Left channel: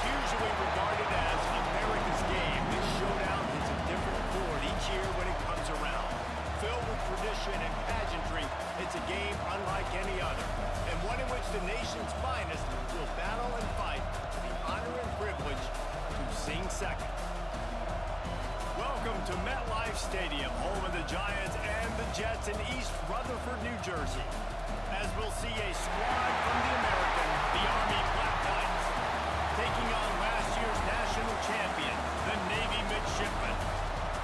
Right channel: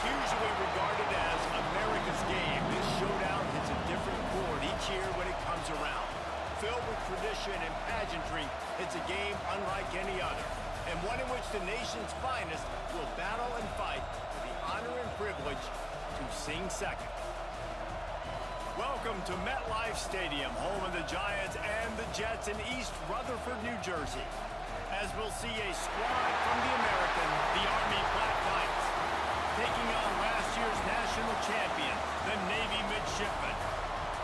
What's usually regarded as America's game, this showdown hits a different chord each year when it comes around. Filled with tradition and pageantry, it's a game unlike any other, and one in which the nation's finest will battle and fight for the honor and privilege to sing second. Welcome to MetLife Stadium, home of the Giants and the Jets in East Rutherford, New Jersey, as we'll see a squad from the American, the Army Black Knights, taking on last year's national champion, the Navy Midshipmen.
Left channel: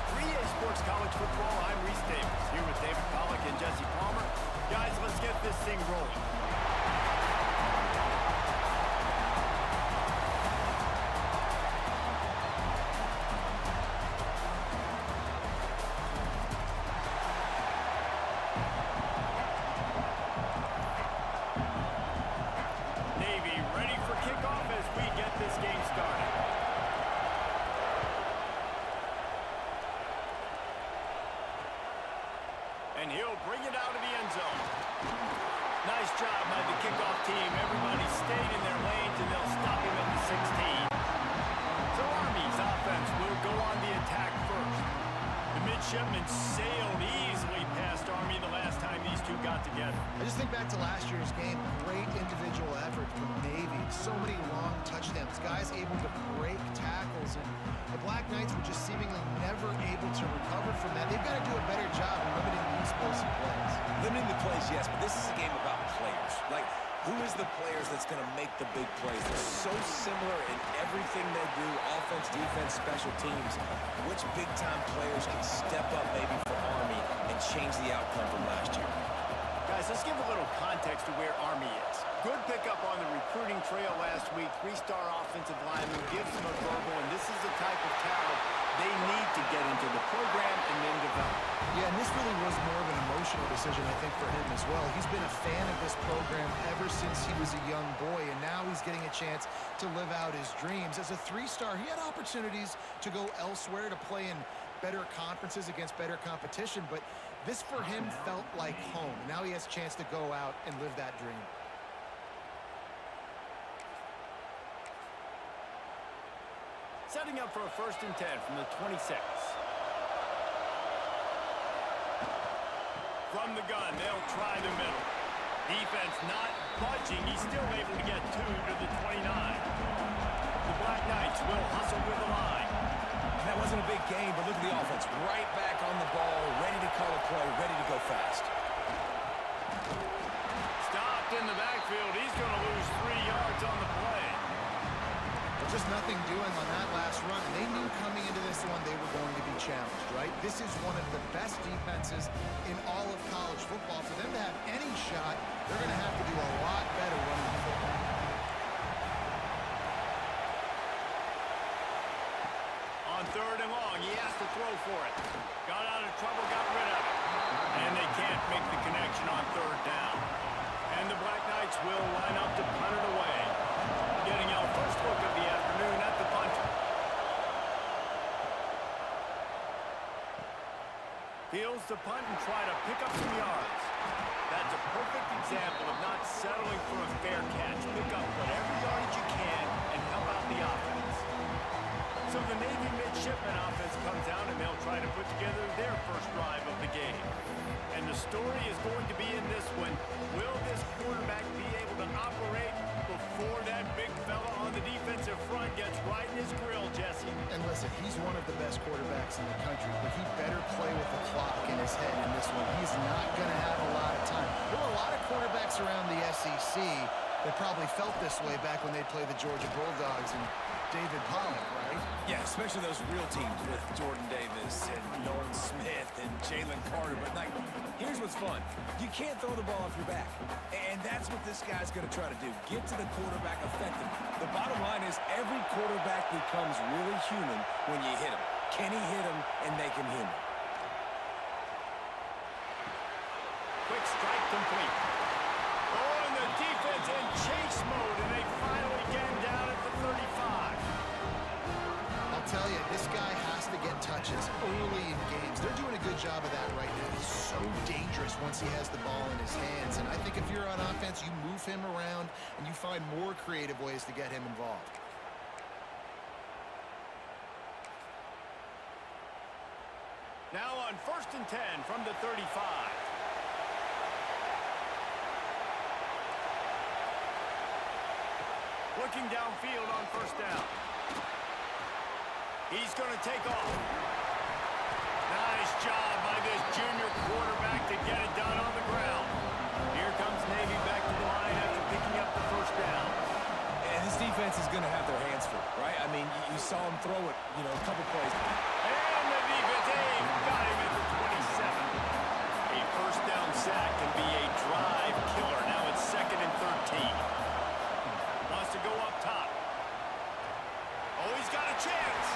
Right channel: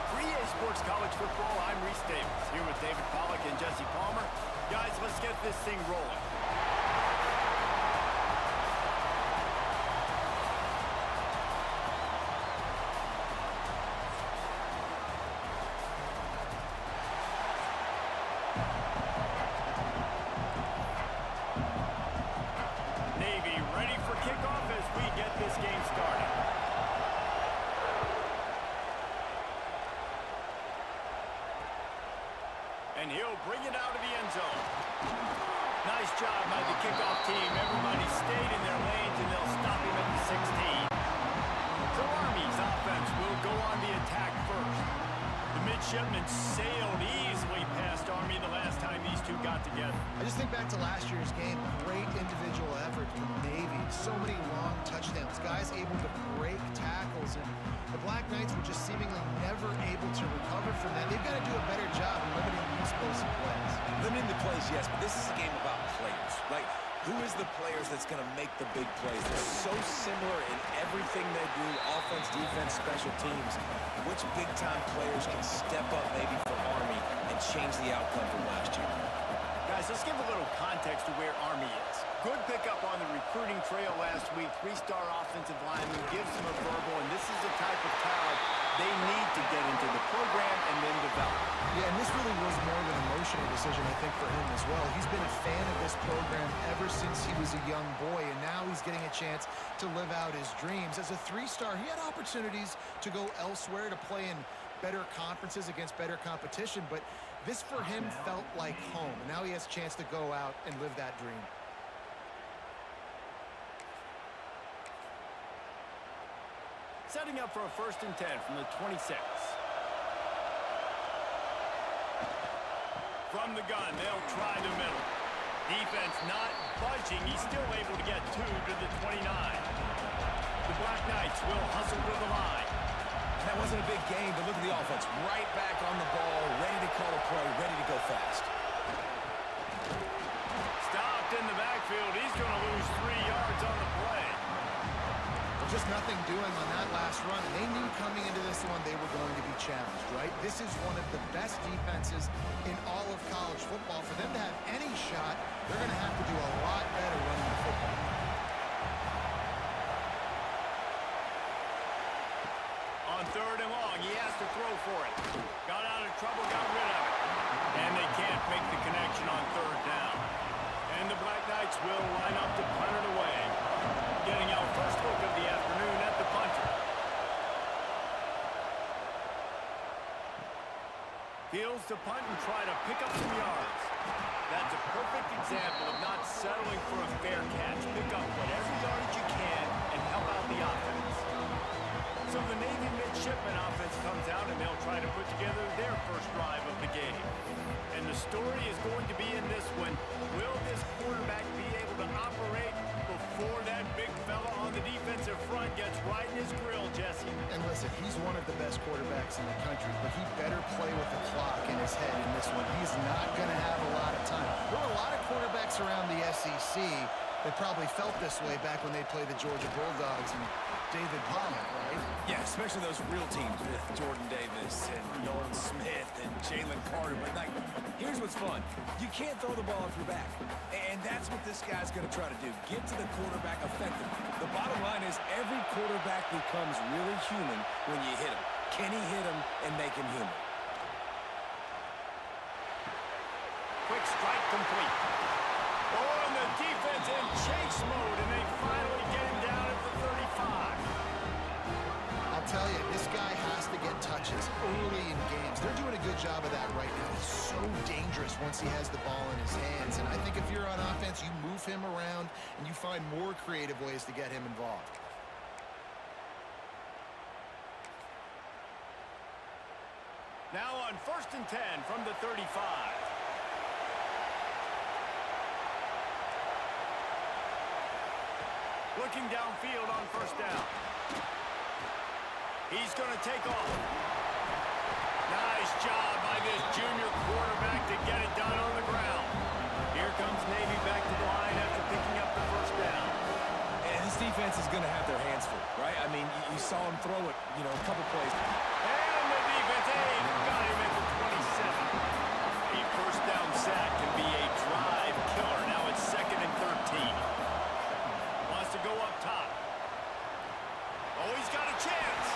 For EA Sports College Football, I'm Reese Davis, here with David Pollack and Jesse Palmer. Guys, let's get this thing rolling. Navy ready for kickoff as we get this game started. And he'll bring it out of the end zone. Nice job by the kickoff team. Everybody stayed in their lanes, and they'll stop him at the 16. So Army's offense will go on the attack first. The Midshipmen sailed easily past Army the last time these two got together. I just think back to last year's game. Great individual effort from Navy. So many long touchdowns. Guys able to break tackles, and the Black Knights were just seemingly never able to recover from that. They've got to do a better job in limiting the explosive plays. Limiting the plays, yes, but this is a game about players. Like, who is the players that's going to make the big plays? They're so similar in everything they do, offense, defense, special teams. Which big-time players can step up maybe for Army and change the outcome from last year? Guys, let's give a little context to where Army is. Good pickup on the recruiting trail last week. Three-star offensive lineman gives them a verbal, and this is the type of talent they need to get into the program and then develop. Yeah, and this really was more of an emotional decision, I think, for him as well. He's been a fan of this program ever since he was a young boy, and now he's getting a chance to live out his dreams. As a three-star, he had opportunities to go elsewhere, to play in better conferences against better competition, but this for him felt like home. Now he has a chance to go out and live that dream. Setting up for a 1st and 10 from the 26. From the gun, they'll try the middle. Defense not budging. He's still able to get 2 to the 29. The Black Knights will hustle with the line. And that wasn't a big game, but look at the offense. Right back on the ball, ready to call a play, ready to go fast. Stopped in the backfield. He's going to lose 3 yards on the play. Just nothing doing on that last run, and they knew coming into this one they were going to be challenged, right? This is one of the best defenses in all of college football. For them to have any shot, they're going to have to do a lot better running the football. On 3rd and long, he has to throw for it. Got out of trouble, got rid of it. And they can't make the connection on 3rd down. And the Black Knights will line up to punt it away. Getting our first look of the afternoon at the punter. Fields to punt and try to pick up some yards. That's a perfect example of not settling for a fair catch. Pick up whatever yardage you can and help out the offense. So the Navy Midshipmen offense comes out, and they'll try to put together their first drive of the game. And the story is going to be in this one. Will this quarterback be able to operate before that big fella on the defensive front gets right in his grill, Jesse? And listen, he's one of the best quarterbacks in the country, but he better play with the clock in his head in this one. He's not going to have a lot of time. There were a lot of quarterbacks around the SEC that probably felt this way back when they played the Georgia Bulldogs and David Pollack, right? Yeah, especially those real teams with Jordan Davis and Nolan Smith and Jalen Carter. But, like, here's what's fun. You can't throw the ball off your back. And that's what this guy's going to try to do. Get to the quarterback effectively. The bottom line is every quarterback becomes really human when you hit him. Can he hit him and make him human? Quick strike complete. Oh, and the defense in chase mode, and they finally get him down at the 35. I'll tell you, this guy has to get touches early in games. They're doing a good job of that right now. He's so dangerous once he has the ball in his hands. And I think if you're on offense, you move him around and you find more creative ways to get him involved. Now on 1st and 10 from the 35. Looking downfield on 1st down. He's going to take off. Nice job by this junior quarterback to get it done on the ground. Here comes Navy back to the line after picking up the 1st down. And this defense is going to have their hands full, right? I mean, you saw him throw it, a couple plays. And the defense, got him at the 27. A 1st down sack can be a drive killer. Now it's 2nd and 13. Wants to go up top. Oh, he's got a chance.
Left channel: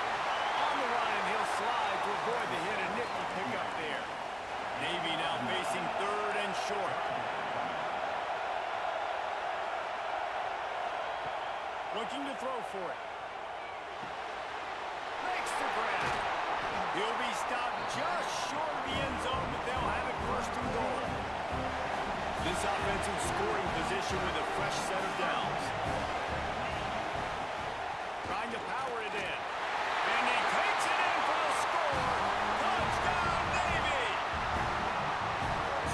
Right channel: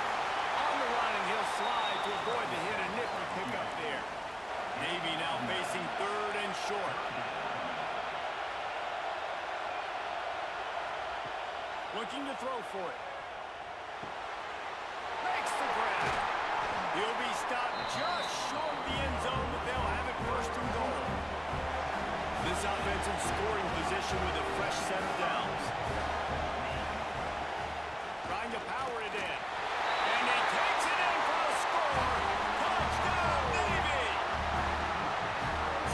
On the run, and he'll slide to avoid the hit. A nifty pickup there. Navy now facing 3rd and short. Looking to throw for it. Makes the grab. He'll be stopped just short of the end zone, but they'll have it 1st and goal. This offensive scoring position with a fresh set of downs. Trying to power it in. And he takes it in for the score. Touchdown, Navy!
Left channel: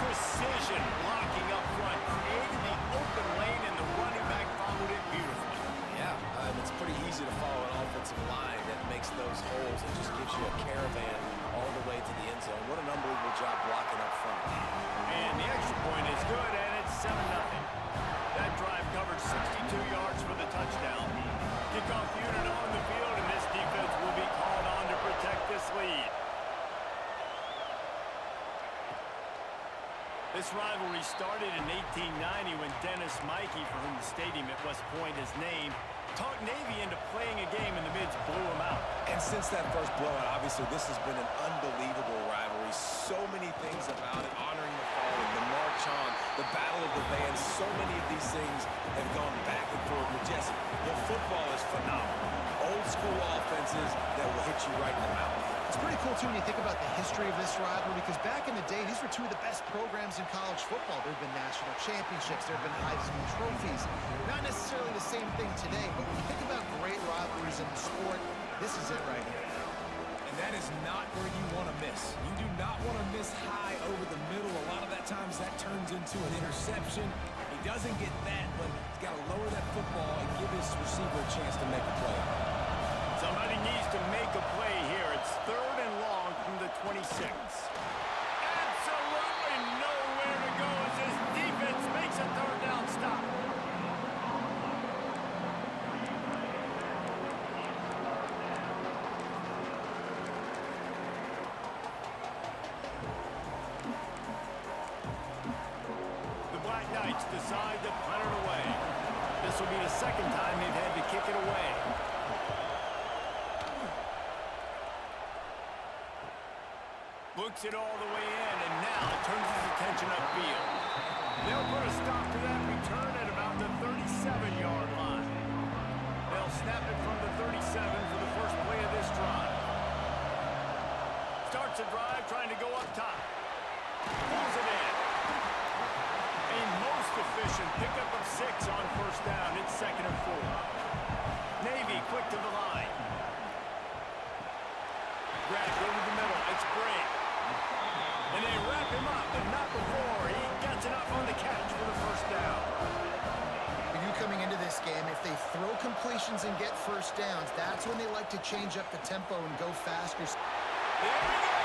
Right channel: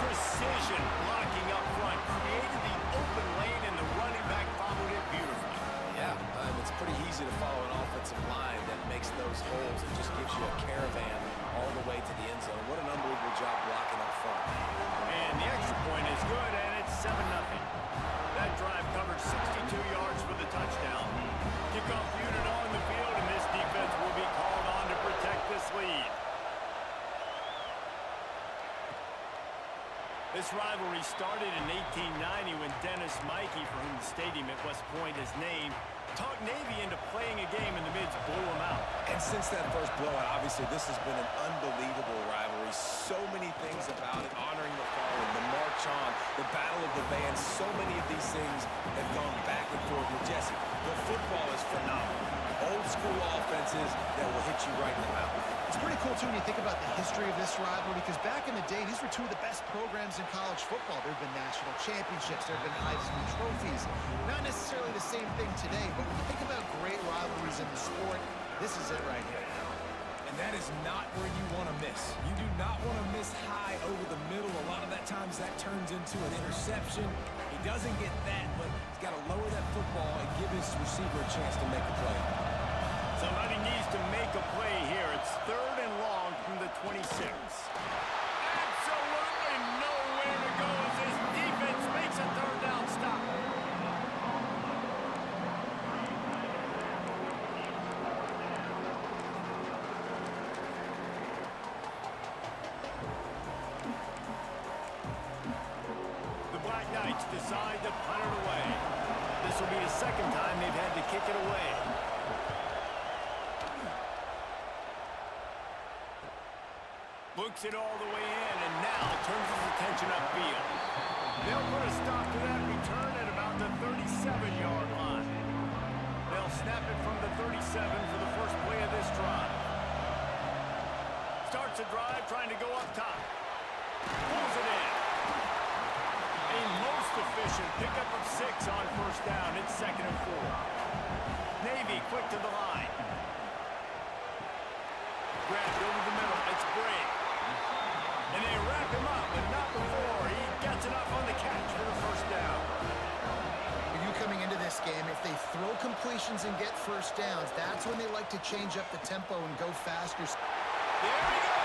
Precision blocking up front. Created the open lane, and the running back followed it beautifully. Yeah, it's pretty easy to follow an offensive line that makes those holes and just gives you a caravan all the way to the end zone. What an unbelievable job blocking up front. And the extra point is good, and it's 7-0. That drive covered 62 yards for the touchdown. Kickoff unit on the field, and this defense will be called on to protect this lead. This rivalry started in 1890 when Dennis Mikey, for whom the stadium at West Point is named, talked Navy into playing a game, and the Mids blew them out. And since that first blowout, obviously, this has been an unbelievable rivalry. So many things about it, honoring the fallen, the march on, the battle of the bands. So many of these things have gone back and forth with Jesse. The football is phenomenal. Old school offenses that will hit you right in the mouth. It's pretty cool, too, when you think about the history of this rivalry, because back in the day, these were two of the best programs in college football. There have been national championships. There have been Heisman trophies. Not necessarily the same thing today, but when you think about great rivalries in the sport, this is it right here. And that is not where you want to miss. You do not want to miss high over the middle. A lot of that times that turns into an interception. He doesn't get that, but he's got to lower that football and give his receiver a chance to make the play. Somebody needs to make a play here. It's 3rd and long from the 26. Absolutely nowhere to go as this defense makes a 3rd down stop. The Black Knights decide to punt it away. This will be the 2nd time they've had to kick it away. Looks it all the way in, and now turns his attention upfield. They'll put a stop to that return at about the 37-yard line. They'll snap it from the 37 for the first play of this drive. Starts a drive trying to go up top. Pulls it in. A most efficient pickup of 6 on 1st down. It's 2nd and 4. Navy quick to the line. Grabbed over the middle. It's Bray. And they wrap him up, but not before he gets enough on the catch for the 1st down. For you coming into this game, if they throw completions and get 1st downs, that's when they like to change up the tempo and go faster. There he goes.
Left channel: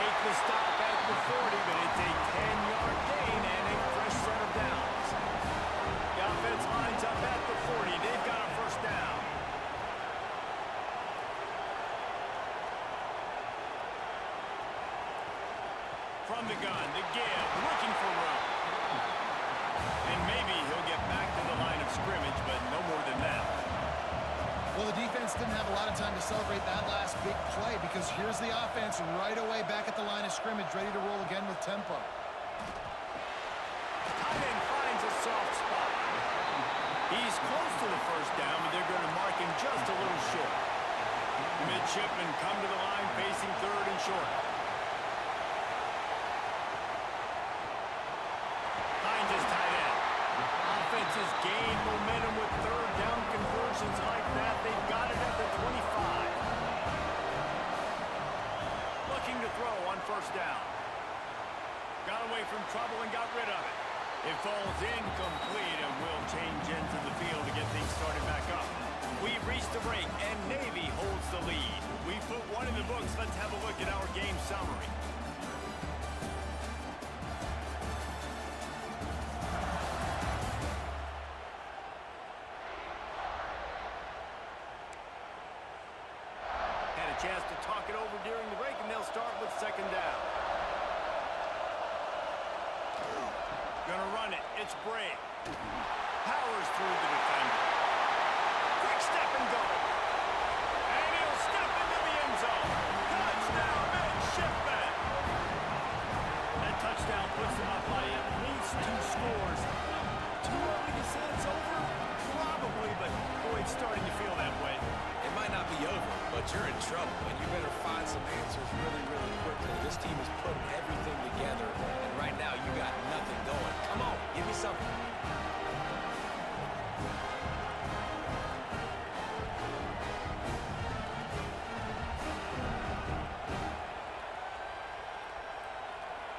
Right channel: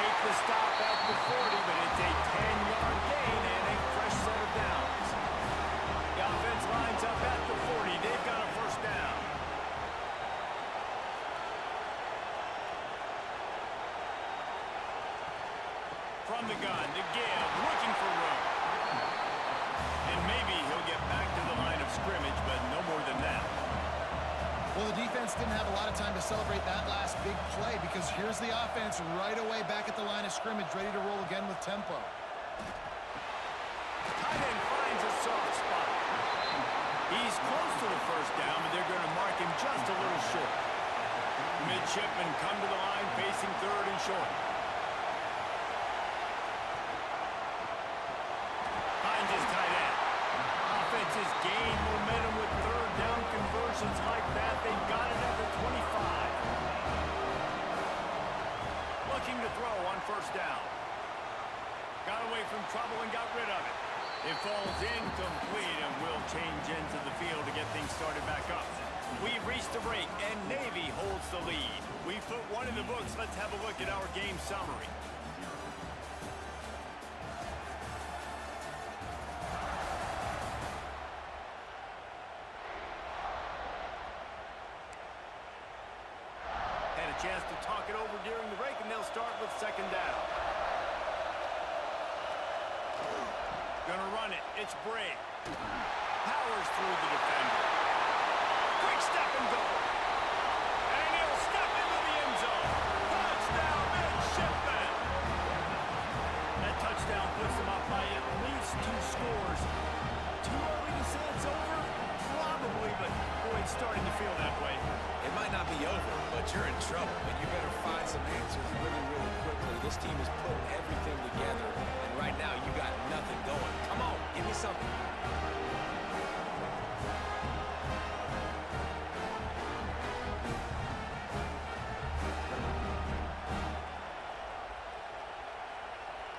Make the stop at the 40, but it's a 10-yard gain and a fresh set of downs. The offense lines up at the 40. They've got a 1st down. From the gun, the give, looking for room. And maybe he'll get back to the line of scrimmage, but no more than that. Well, the defense didn't have a lot of time to celebrate that last big play, because here's the offense right away back at the line of scrimmage, ready to roll again with tempo. Tight end finds a soft spot. He's close to the 1st down, but they're going to mark him just a little short. Midshipmen come to the line facing 3rd and short. Finds his tight end. Offenses gain momentum with 3rd down conversions like that. They've got it at the 25. Looking first down. Got away from trouble and got rid of it. It falls incomplete, and will change ends of the field to get things started back up. We've reached the break, and Navy holds the lead. We've put one in the books. Let's have a look at our game summary. Had a chance to talk it over during the break, and they'll start with second down. Gonna run it. It's Bray. Powers through the defender. Quick step and go. And he'll step into the end zone. Touchdown, midshipman. That touchdown puts him up by at least 2 scores. Too early to say it's over? Probably, but boy, it's starting to feel that way. It might not be over, but you're in trouble, and you better find some answers really, really quickly. This team is putting everything together, and right now you got nothing going. Come on, give me something.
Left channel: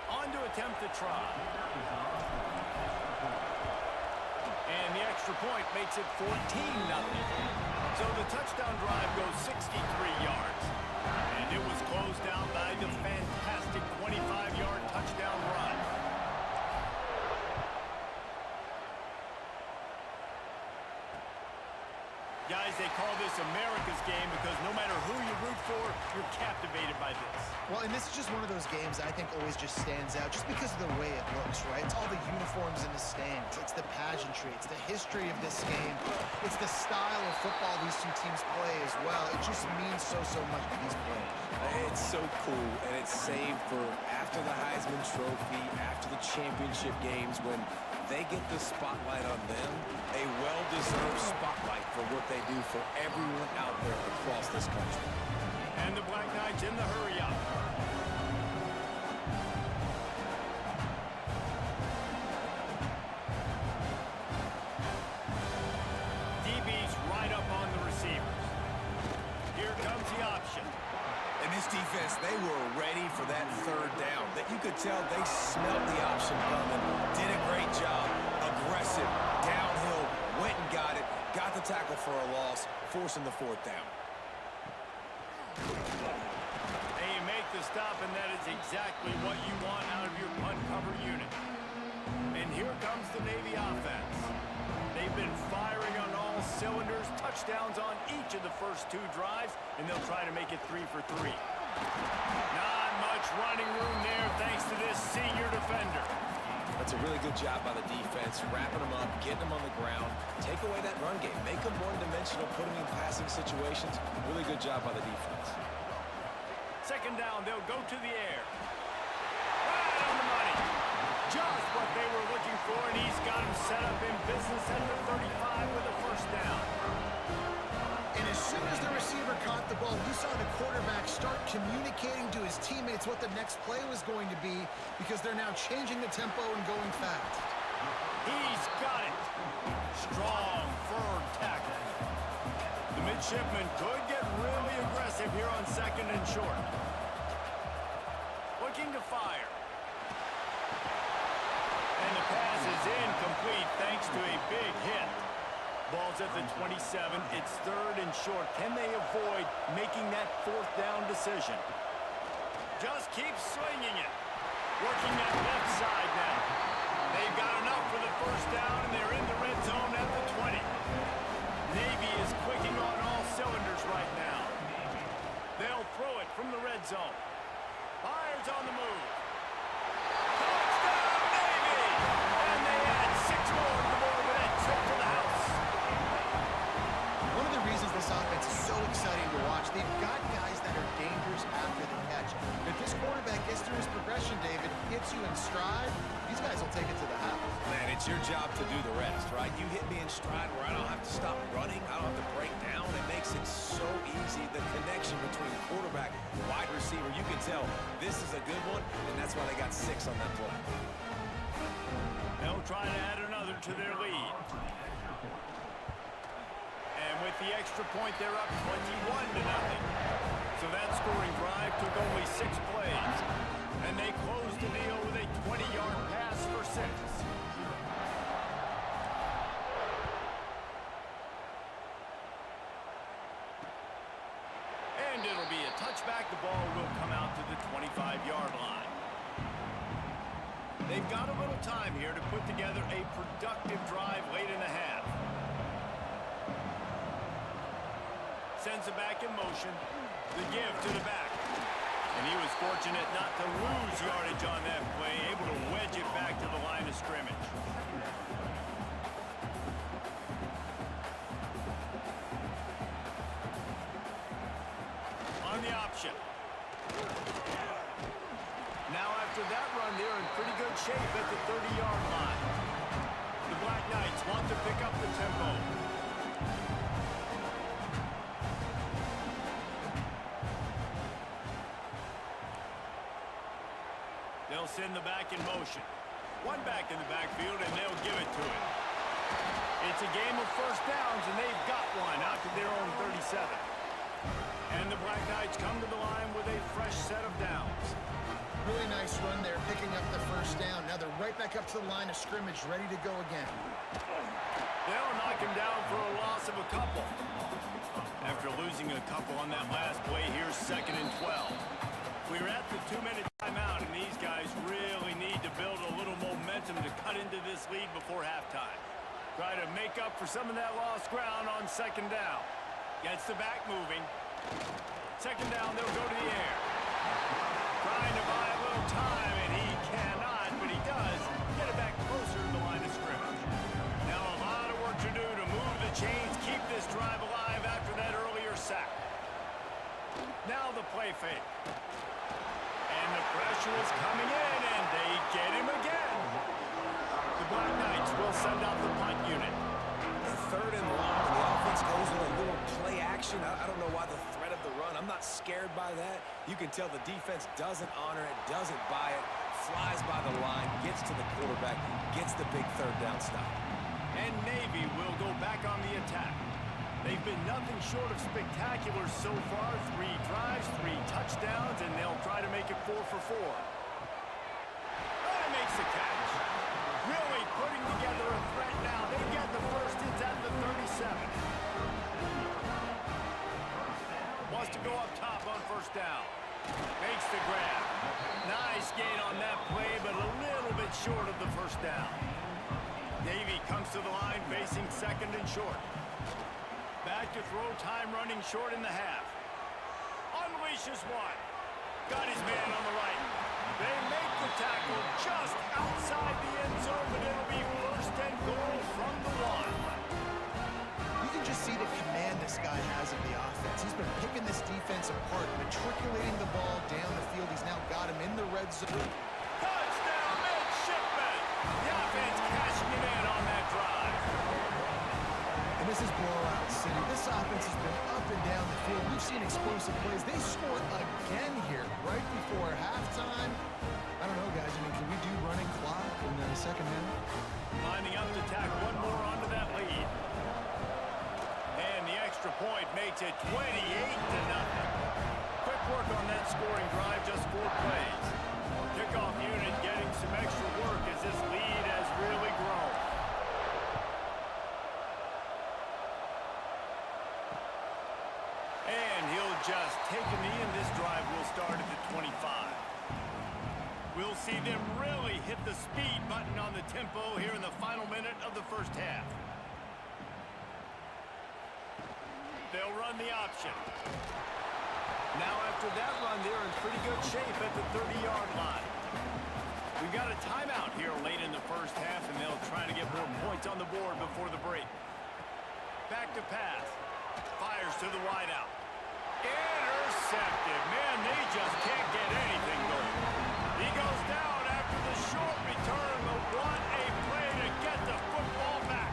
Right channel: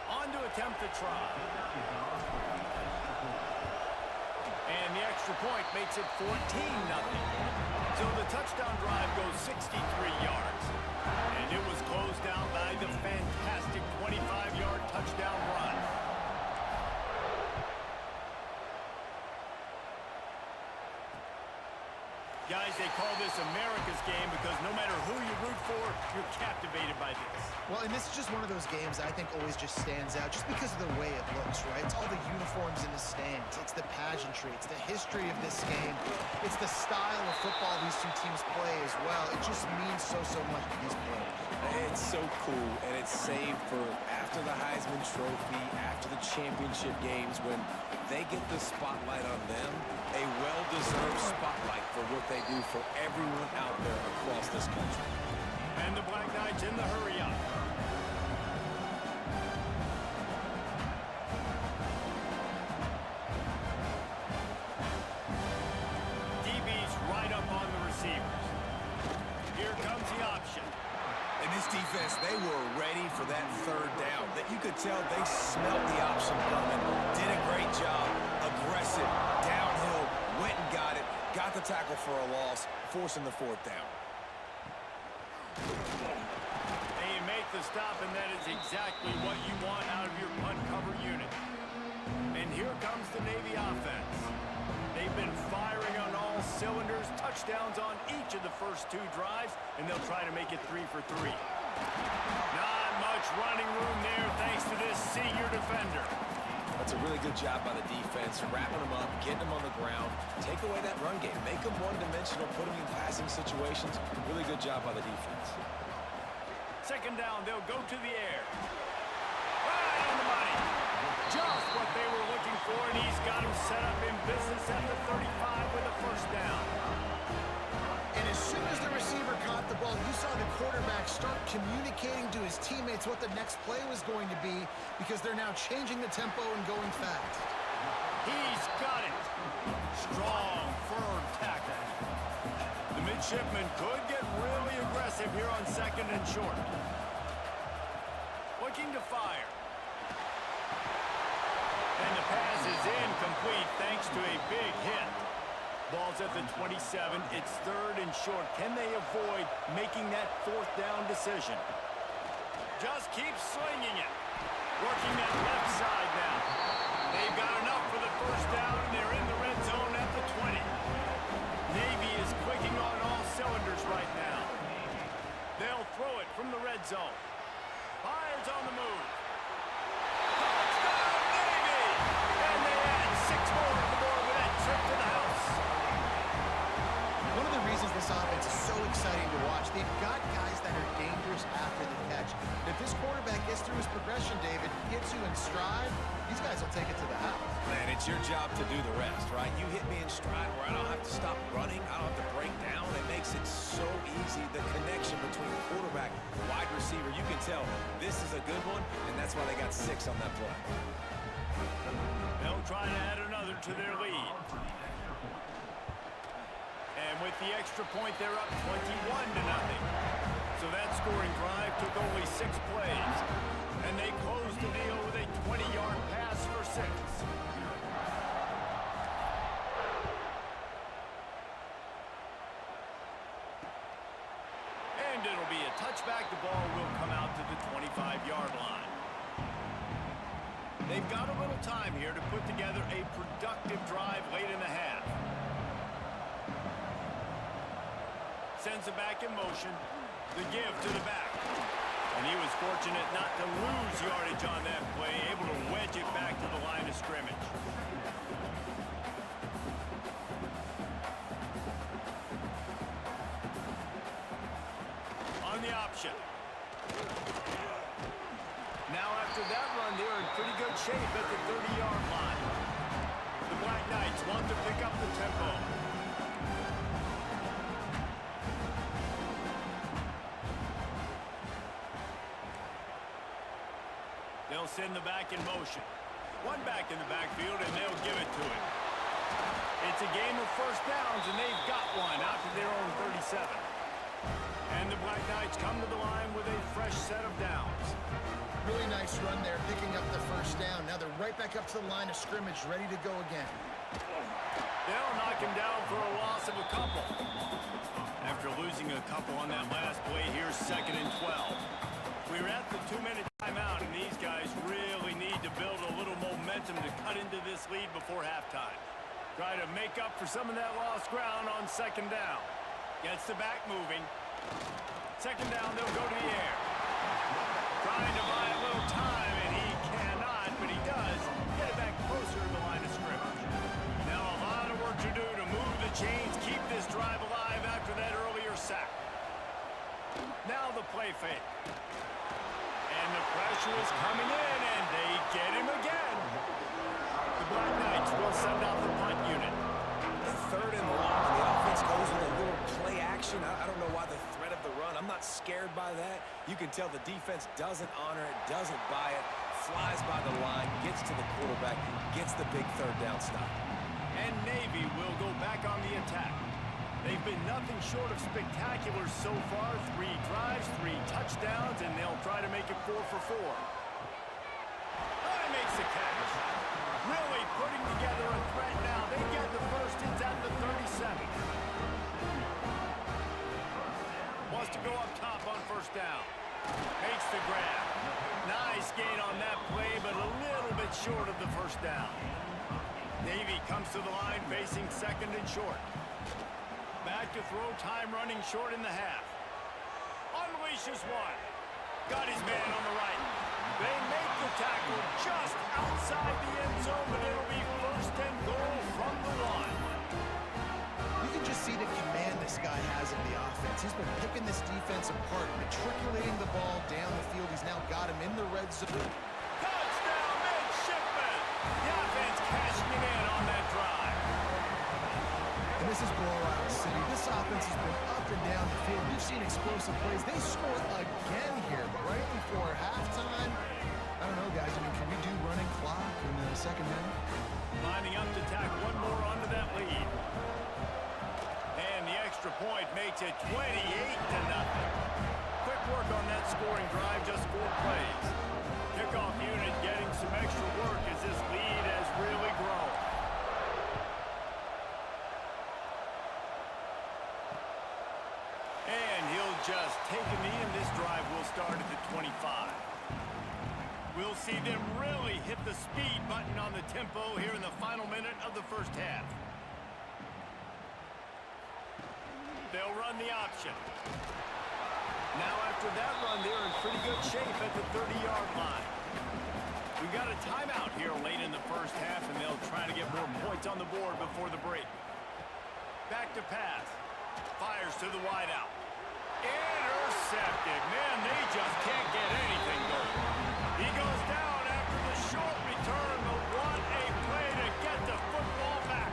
On to attempt the try. And the extra point makes it 14-0. So the touchdown drive goes 63 yards. And it was closed out by the fantastic 25-yard touchdown run. Guys, they call this America's game because no matter who you root for, you're captivated by this. Well, and this is just one of those games I think always just stands out just because of the way it looks, right? It's all the uniforms in the stands. It's the pageantry. It's the history of this game. It's the style of football these two teams play as well. It just means so much to these players. It's so cool, and it's saved for after the Heisman Trophy, after the championship games, when they get the spotlight on them, a well-deserved spotlight for what they do for everyone out there across this country. And the Black Knights in the hurry-up. DB's right up on the receivers. Here comes the option. In this defense, they were ready for that third down. That you could tell they smelled the option coming. Did a great job. Aggressive. Downhill. Went and got it. Got the tackle for a loss. Forcing the fourth down. And you make the stop, and that is exactly what you want out of your punt cover unit. And here comes the Navy offense. They've been firing on all cylinders, touchdowns on each of the first 2 drives, and they'll try to make it 3 for 3. Not much running room there thanks to this senior defender. That's a really good job by the defense, wrapping them up, getting them on the ground, take away that run game, make them one-dimensional, put them in passing situations. Really good job by the defense. Second down, they'll go to the air. Right on the money. Just what they were looking for, and he's got him set up in business at the 35 with a first down. And as soon as the receiver caught the ball, you saw the quarterback start communicating to his teammates what the next play was going to be because they're now changing the tempo and going fast. He's got it. Strong, firm tackle. The midshipman could get really aggressive here on second and short. Looking to fire. And the pass is incomplete thanks to a big hit. Ball's at the 27. It's third and short. Can they avoid making that fourth down decision? Just keep swinging it. Working that left side now. They've got enough for the first down, and they're in the red zone at the 20. Navy is clicking on all cylinders right now. They'll throw it from the red zone. Fires on the move. Touchdown, Navy! And they add 6 more to the board with that trip to the house. One of the reasons this offense is so exciting to watch, they've got guys that are dangerous after the catch. If this quarterback gets through his progression, David, hits you in stride, these guys will take it to the house. Man, it's your job to do the rest, right? You hit me in stride where I don't have to stop running. I don't have to break down. It makes it so easy. The connection between quarterback and wide receiver, you can tell this is a good one, and that's why they got 6 on that play. They'll try to add another to their lead. And with the extra point, they're up 21-0. So So that scoring drive took only 6 plays, and they closed the deal with a 20-yard pass for 6. And it'll be a touchback. The ball will come out to the 25-yard line. They've got a little time here to put together a productive drive late in the half. Sends it back in motion. The give to the back. And he was fortunate not to lose yardage on that play, able to wedge it back to the line of scrimmage. On the option. Now after that run, they're in pretty good shape at the 30-yard line. The Black Knights want to pick up the tempo. They'll send the back in motion. One back in the backfield, and they'll give it to it. It's a game of first downs, and they've got one out to their own 37. And the Black Knights come to the line with a fresh set of downs. Really nice run there, picking up the first down. Now they're right back up to the line of scrimmage, ready to go again. They'll knock him down for a loss of a couple. After losing a couple on that last play, here's 2nd and 12. We're at the 2-minute timeout, and these guys really need to build a little momentum to cut into this lead before halftime. Try to make up for some of that lost ground on 2nd down. Gets the back moving. 2nd down, they'll go to the air. Trying to buy a little time, and he cannot, but he does get it back closer to the line of scrimmage. Now a lot of work to do to move the chains, keep this drive alive after that earlier sack. Now the play fake. And the pressure is coming in, and they get him again. The Black Knights will send out the punt unit. And 3rd and long, the offense goes with a little play action. I don't know why the threat of the run. I'm not scared by that. You can tell the defense doesn't honor it, doesn't buy it, flies by the line, gets to the quarterback, gets the big 3rd down stop. And Navy will go back on the attack. They've been nothing short of spectacular so far. 3 drives, 3 touchdowns, and they'll try to make it 4 for 4. Oh, he makes the catch. Really putting together a threat now. They get the first. It's at the 37. Wants to go up top on 1st down. Makes the grab. Nice gain on that play, but a little bit short of the 1st down. Navy comes to the line facing 2nd and short. Back to throw, time running short in the half. Unleashes one. Got his man on the right. They make the tackle just outside the end zone, but it'll be 1st and goal from the 1. You can just see the command this guy has of the offense. He's been picking this defense apart, matriculating the ball down the field. He's now got him in the red zone. Touchdown, midshipman! The offense cashing it in on that drive. And this is blowout city. This offense has been up and down the field. We've seen explosive plays. They score again here right before halftime. I don't know, guys. I mean, can we do running clock in the 2nd half? Lining up to tack one more onto that lead. And the extra point makes it 28-0. Quick work on that scoring drive, just 4 plays. Kickoff unit getting some extra work as this lead has really grown. And he'll just take a knee, and this drive will start at the 25. We'll see them really hit the speed button on the tempo here in the final minute of the 1st half. They'll run the option. Now after that run, they're in pretty good shape at the 30-yard line. We've got a timeout here late in the 1st half, and they'll try to get more points on the board before the break. Back to pass. Fires to the wideout. Intercepted. Man, they just can't get anything going. He goes down after the short return, but what a play to get the football back.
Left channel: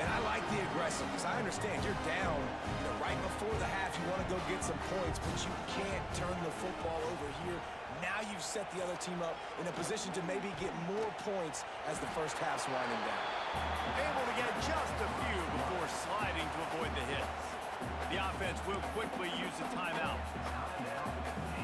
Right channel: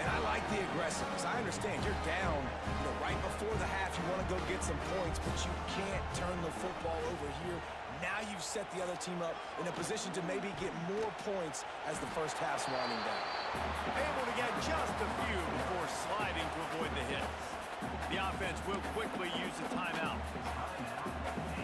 And I like the aggressiveness. I understand you're down, right before the half. You want to go get some points, but you can't turn the football over here. Now you've set the other team up in a position to maybe get more points as the 1st half's winding down. Able to get just a few before sliding to avoid the hits. The offense will quickly use a timeout.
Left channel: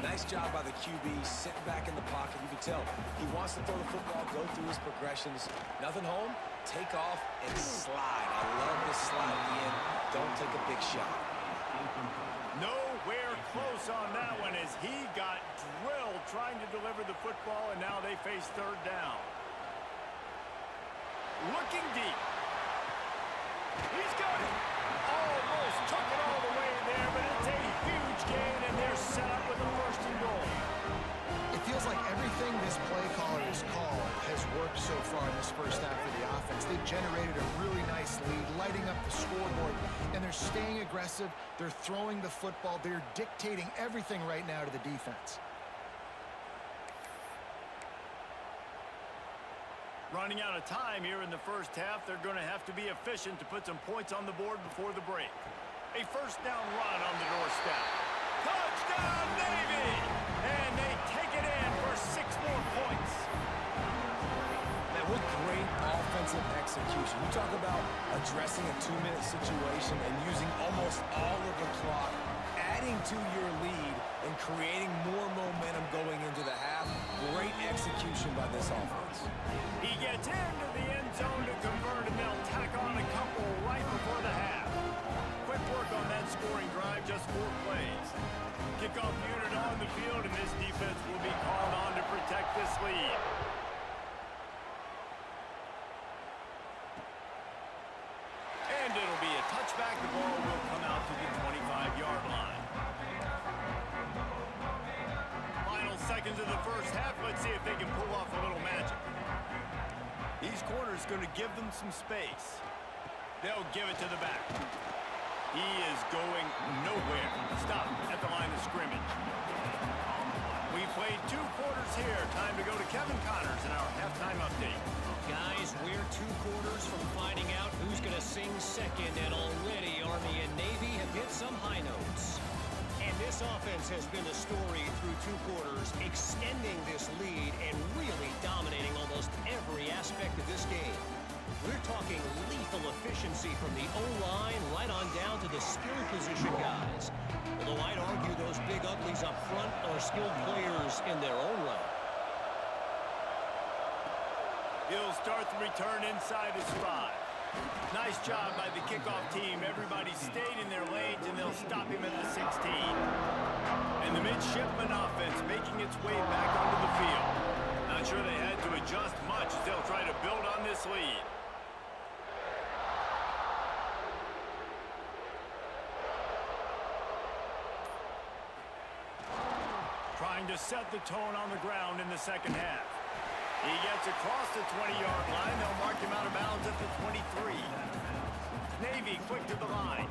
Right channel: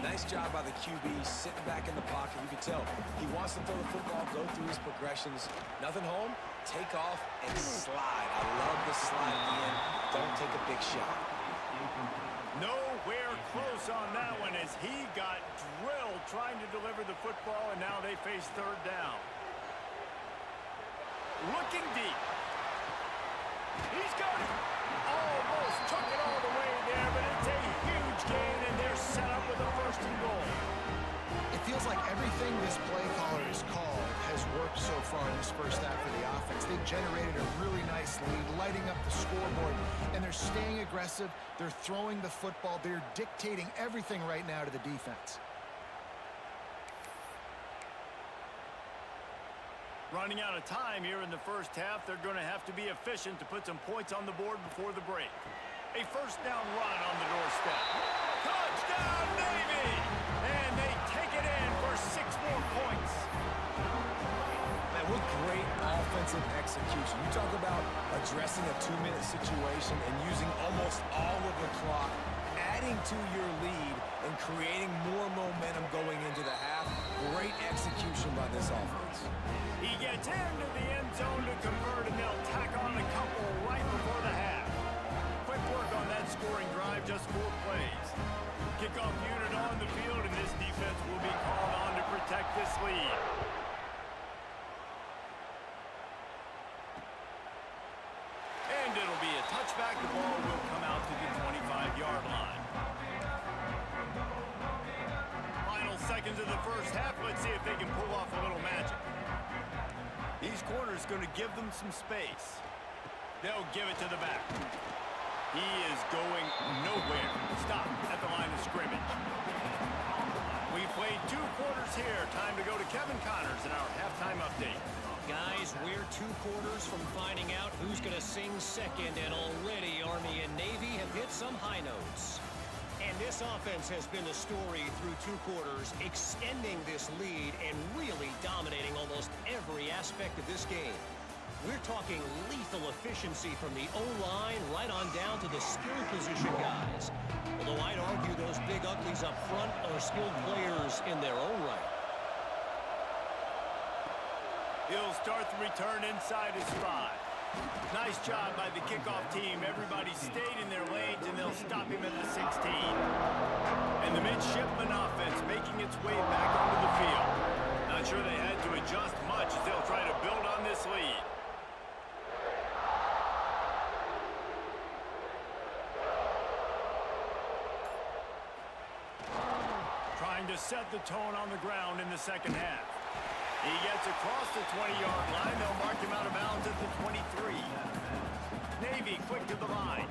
Nice job by the QB sitting back in the pocket. You can tell he wants to throw the football, go through his progressions. Nothing home, take off, and slide. I love the slide at the end. Don't take a big shot. Nowhere close on that one as he got drilled trying to deliver the football, and now they face third down. Looking deep. He's got it. Almost took it all the way there, but it's a huge gain, and they're set up with a first and goal. It feels like everything this play caller has called has worked so far in this first half of the offense. They've generated a really nice lead, lighting up the scoreboard, and they're staying aggressive. They're throwing the football. They're dictating everything right now to the defense. Running out of time here in the first half, they're going to have to be efficient to put some points on the board before the break. A first down run on the doorstep. Touchdown, Navy! And they take it in for 6 more points. Man, what great offensive execution. You talk about addressing a 2-minute situation and using almost all of the clock, adding to your lead, and creating more momentum going into the half. Great execution by this offense. He gets into the end zone to convert, and they'll tack on a couple right before the half. Quick work on that scoring drive, just 4 plays. Kickoff unit on the field, and this defense will be called on to protect this lead. And it'll be a touchback. The ball will come out to the 25-yard line. Final seconds of the first half. Let's see if they can pull off a little magic. These corners going to give them some space. They'll give it to the back. He is going nowhere. Stop at the line of scrimmage. We played 2 quarters here. Time to go to Kevin Connors in our halftime update. Guys, we're 2 quarters from finding out who's going to sing second, and already Army and Navy have hit some high notes. And this offense has been the story through 2 quarters, extending this lead and really dominating almost every aspect of this game. We're talking lethal efficiency from the O-line right on down to the skill position guys. Although I'd argue those big uglies up front are skilled players in their own right. He'll start the return inside his 5. Nice job by the kickoff team. Everybody stayed in their lanes, and they'll stop him at the 16. And the midshipman offense making its way back onto the field. Not sure they had to adjust much as they'll try to build on this lead. Trying to set the tone on the ground in the second half. He gets across the 20-yard line. They'll mark him out of bounds at the 23. Navy quick to the line.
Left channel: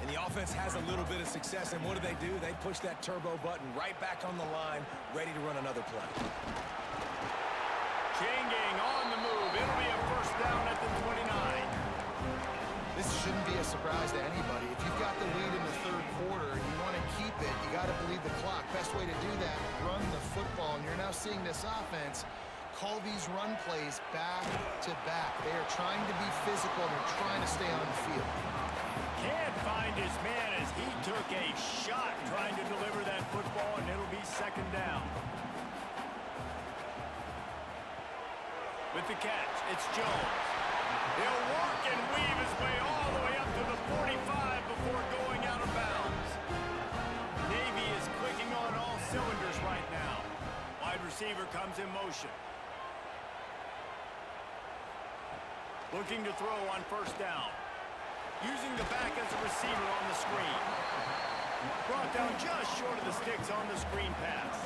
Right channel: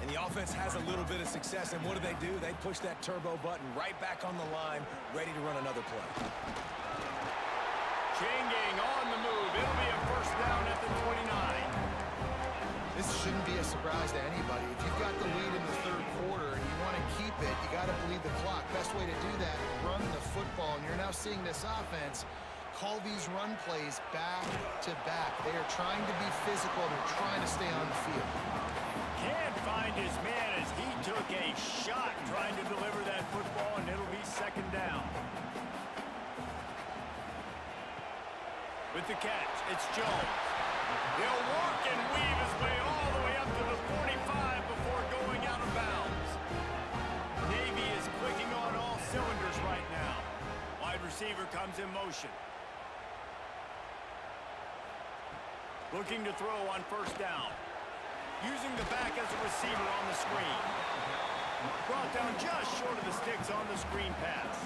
And the offense has a little bit of success, and what do? They push that turbo button right back on the line, ready to run another play. Changing on the move. It'll be a first down at the 29. This shouldn't be a surprise to anybody. If you've got the lead in the 3rd quarter and you want to keep it, you got to bleed the clock. Best way to do that, run the football. And you're now seeing this offense call these run plays back to back. They are trying to be physical. They're trying to stay on the field. Can't find his man as he took a shot trying to deliver that football, and it'll be 2nd down. With the catch, it's Jones. He'll work and weave his way all the way up to the 45 before going out of bounds. Navy is clicking on all cylinders right now. Wide receiver comes in motion. Looking to throw on first down. Using the back as a receiver on the screen. Brought down just short of the sticks on the screen pass.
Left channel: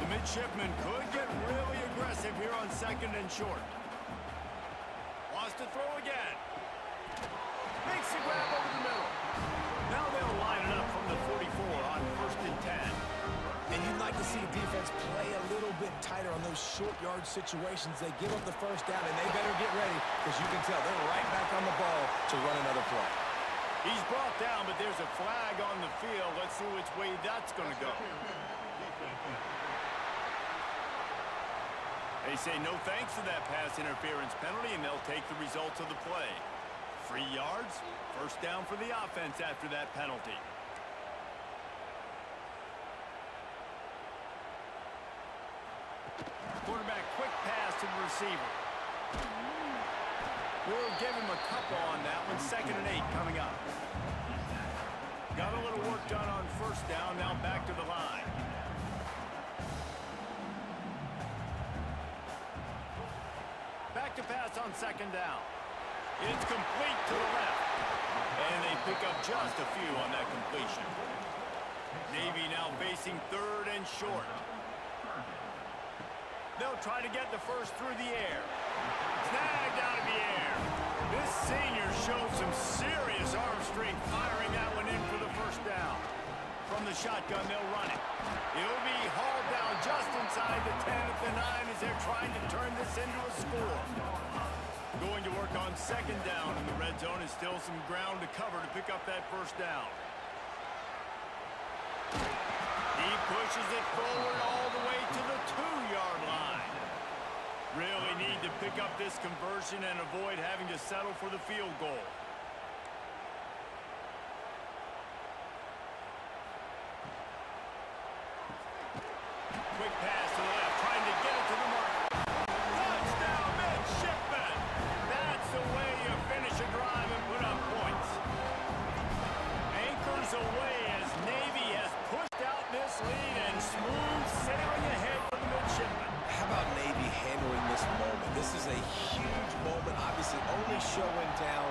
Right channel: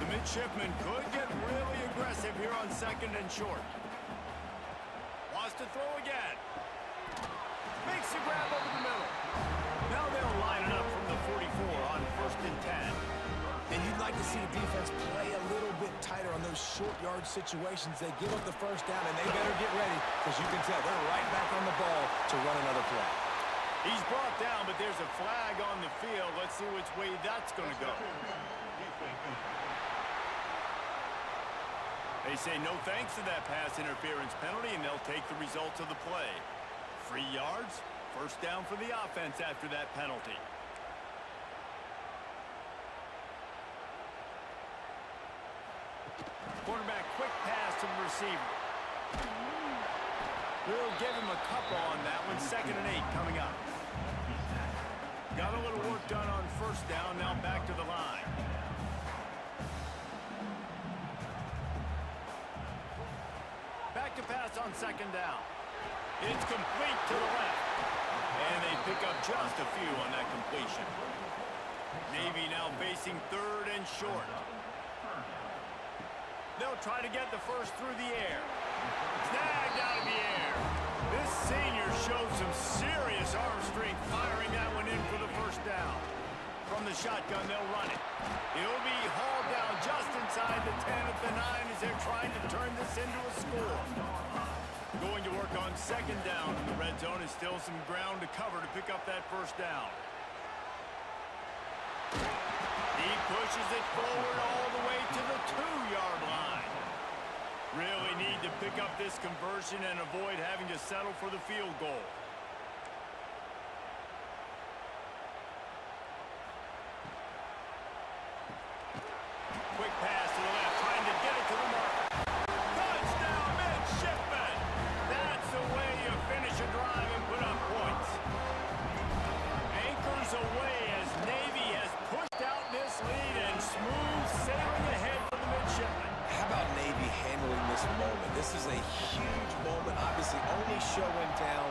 The midshipman could get really aggressive here on 2nd and short. Wants to throw again. Makes the grab over the middle. Now they'll line it up from the 44 on 1st and 10. And you'd like to see a defense play a little bit tighter on those short yard situations. They give up the first down, and they better get ready because you can tell they're right back on the ball to run another play. He's brought down, but there's a flag on the field. Let's see which way that's going to go. They say no thanks to that pass interference penalty, and they'll take the results of the play. 3 yards, First down for the offense after that penalty. Quarterback quick pass to the receiver. We'll give him a couple on that one. 2nd and 8 coming up. Got a little work done on first down. Now back to the line. Back to pass on 2nd down. It's complete to the left. And they pick up just a few on that completion. Navy now facing 3rd and short. They'll try to get the first through the air. Snagged out of the air. This senior showed some serious arm strength firing that one in for the first down. From the shotgun, they'll run it. It'll be hauled down just inside the 10 at the 9 as they're trying to turn this into a score. Going to work on 2nd down in the red zone. Is still some ground to cover to pick up that first down. He pushes it forward all the way to the 2-yard line. Really need to pick up this conversion and avoid having to settle for the field goal. Quick pass to the left, trying to get it to the marker. Touchdown, Midshipman! That's the way you finish a drive and put up points. Anchors away as Navy has pushed out this lead and smooth sailing ahead for the Midshipmen. How about Navy handling this moment? This is a huge moment, obviously only show in town.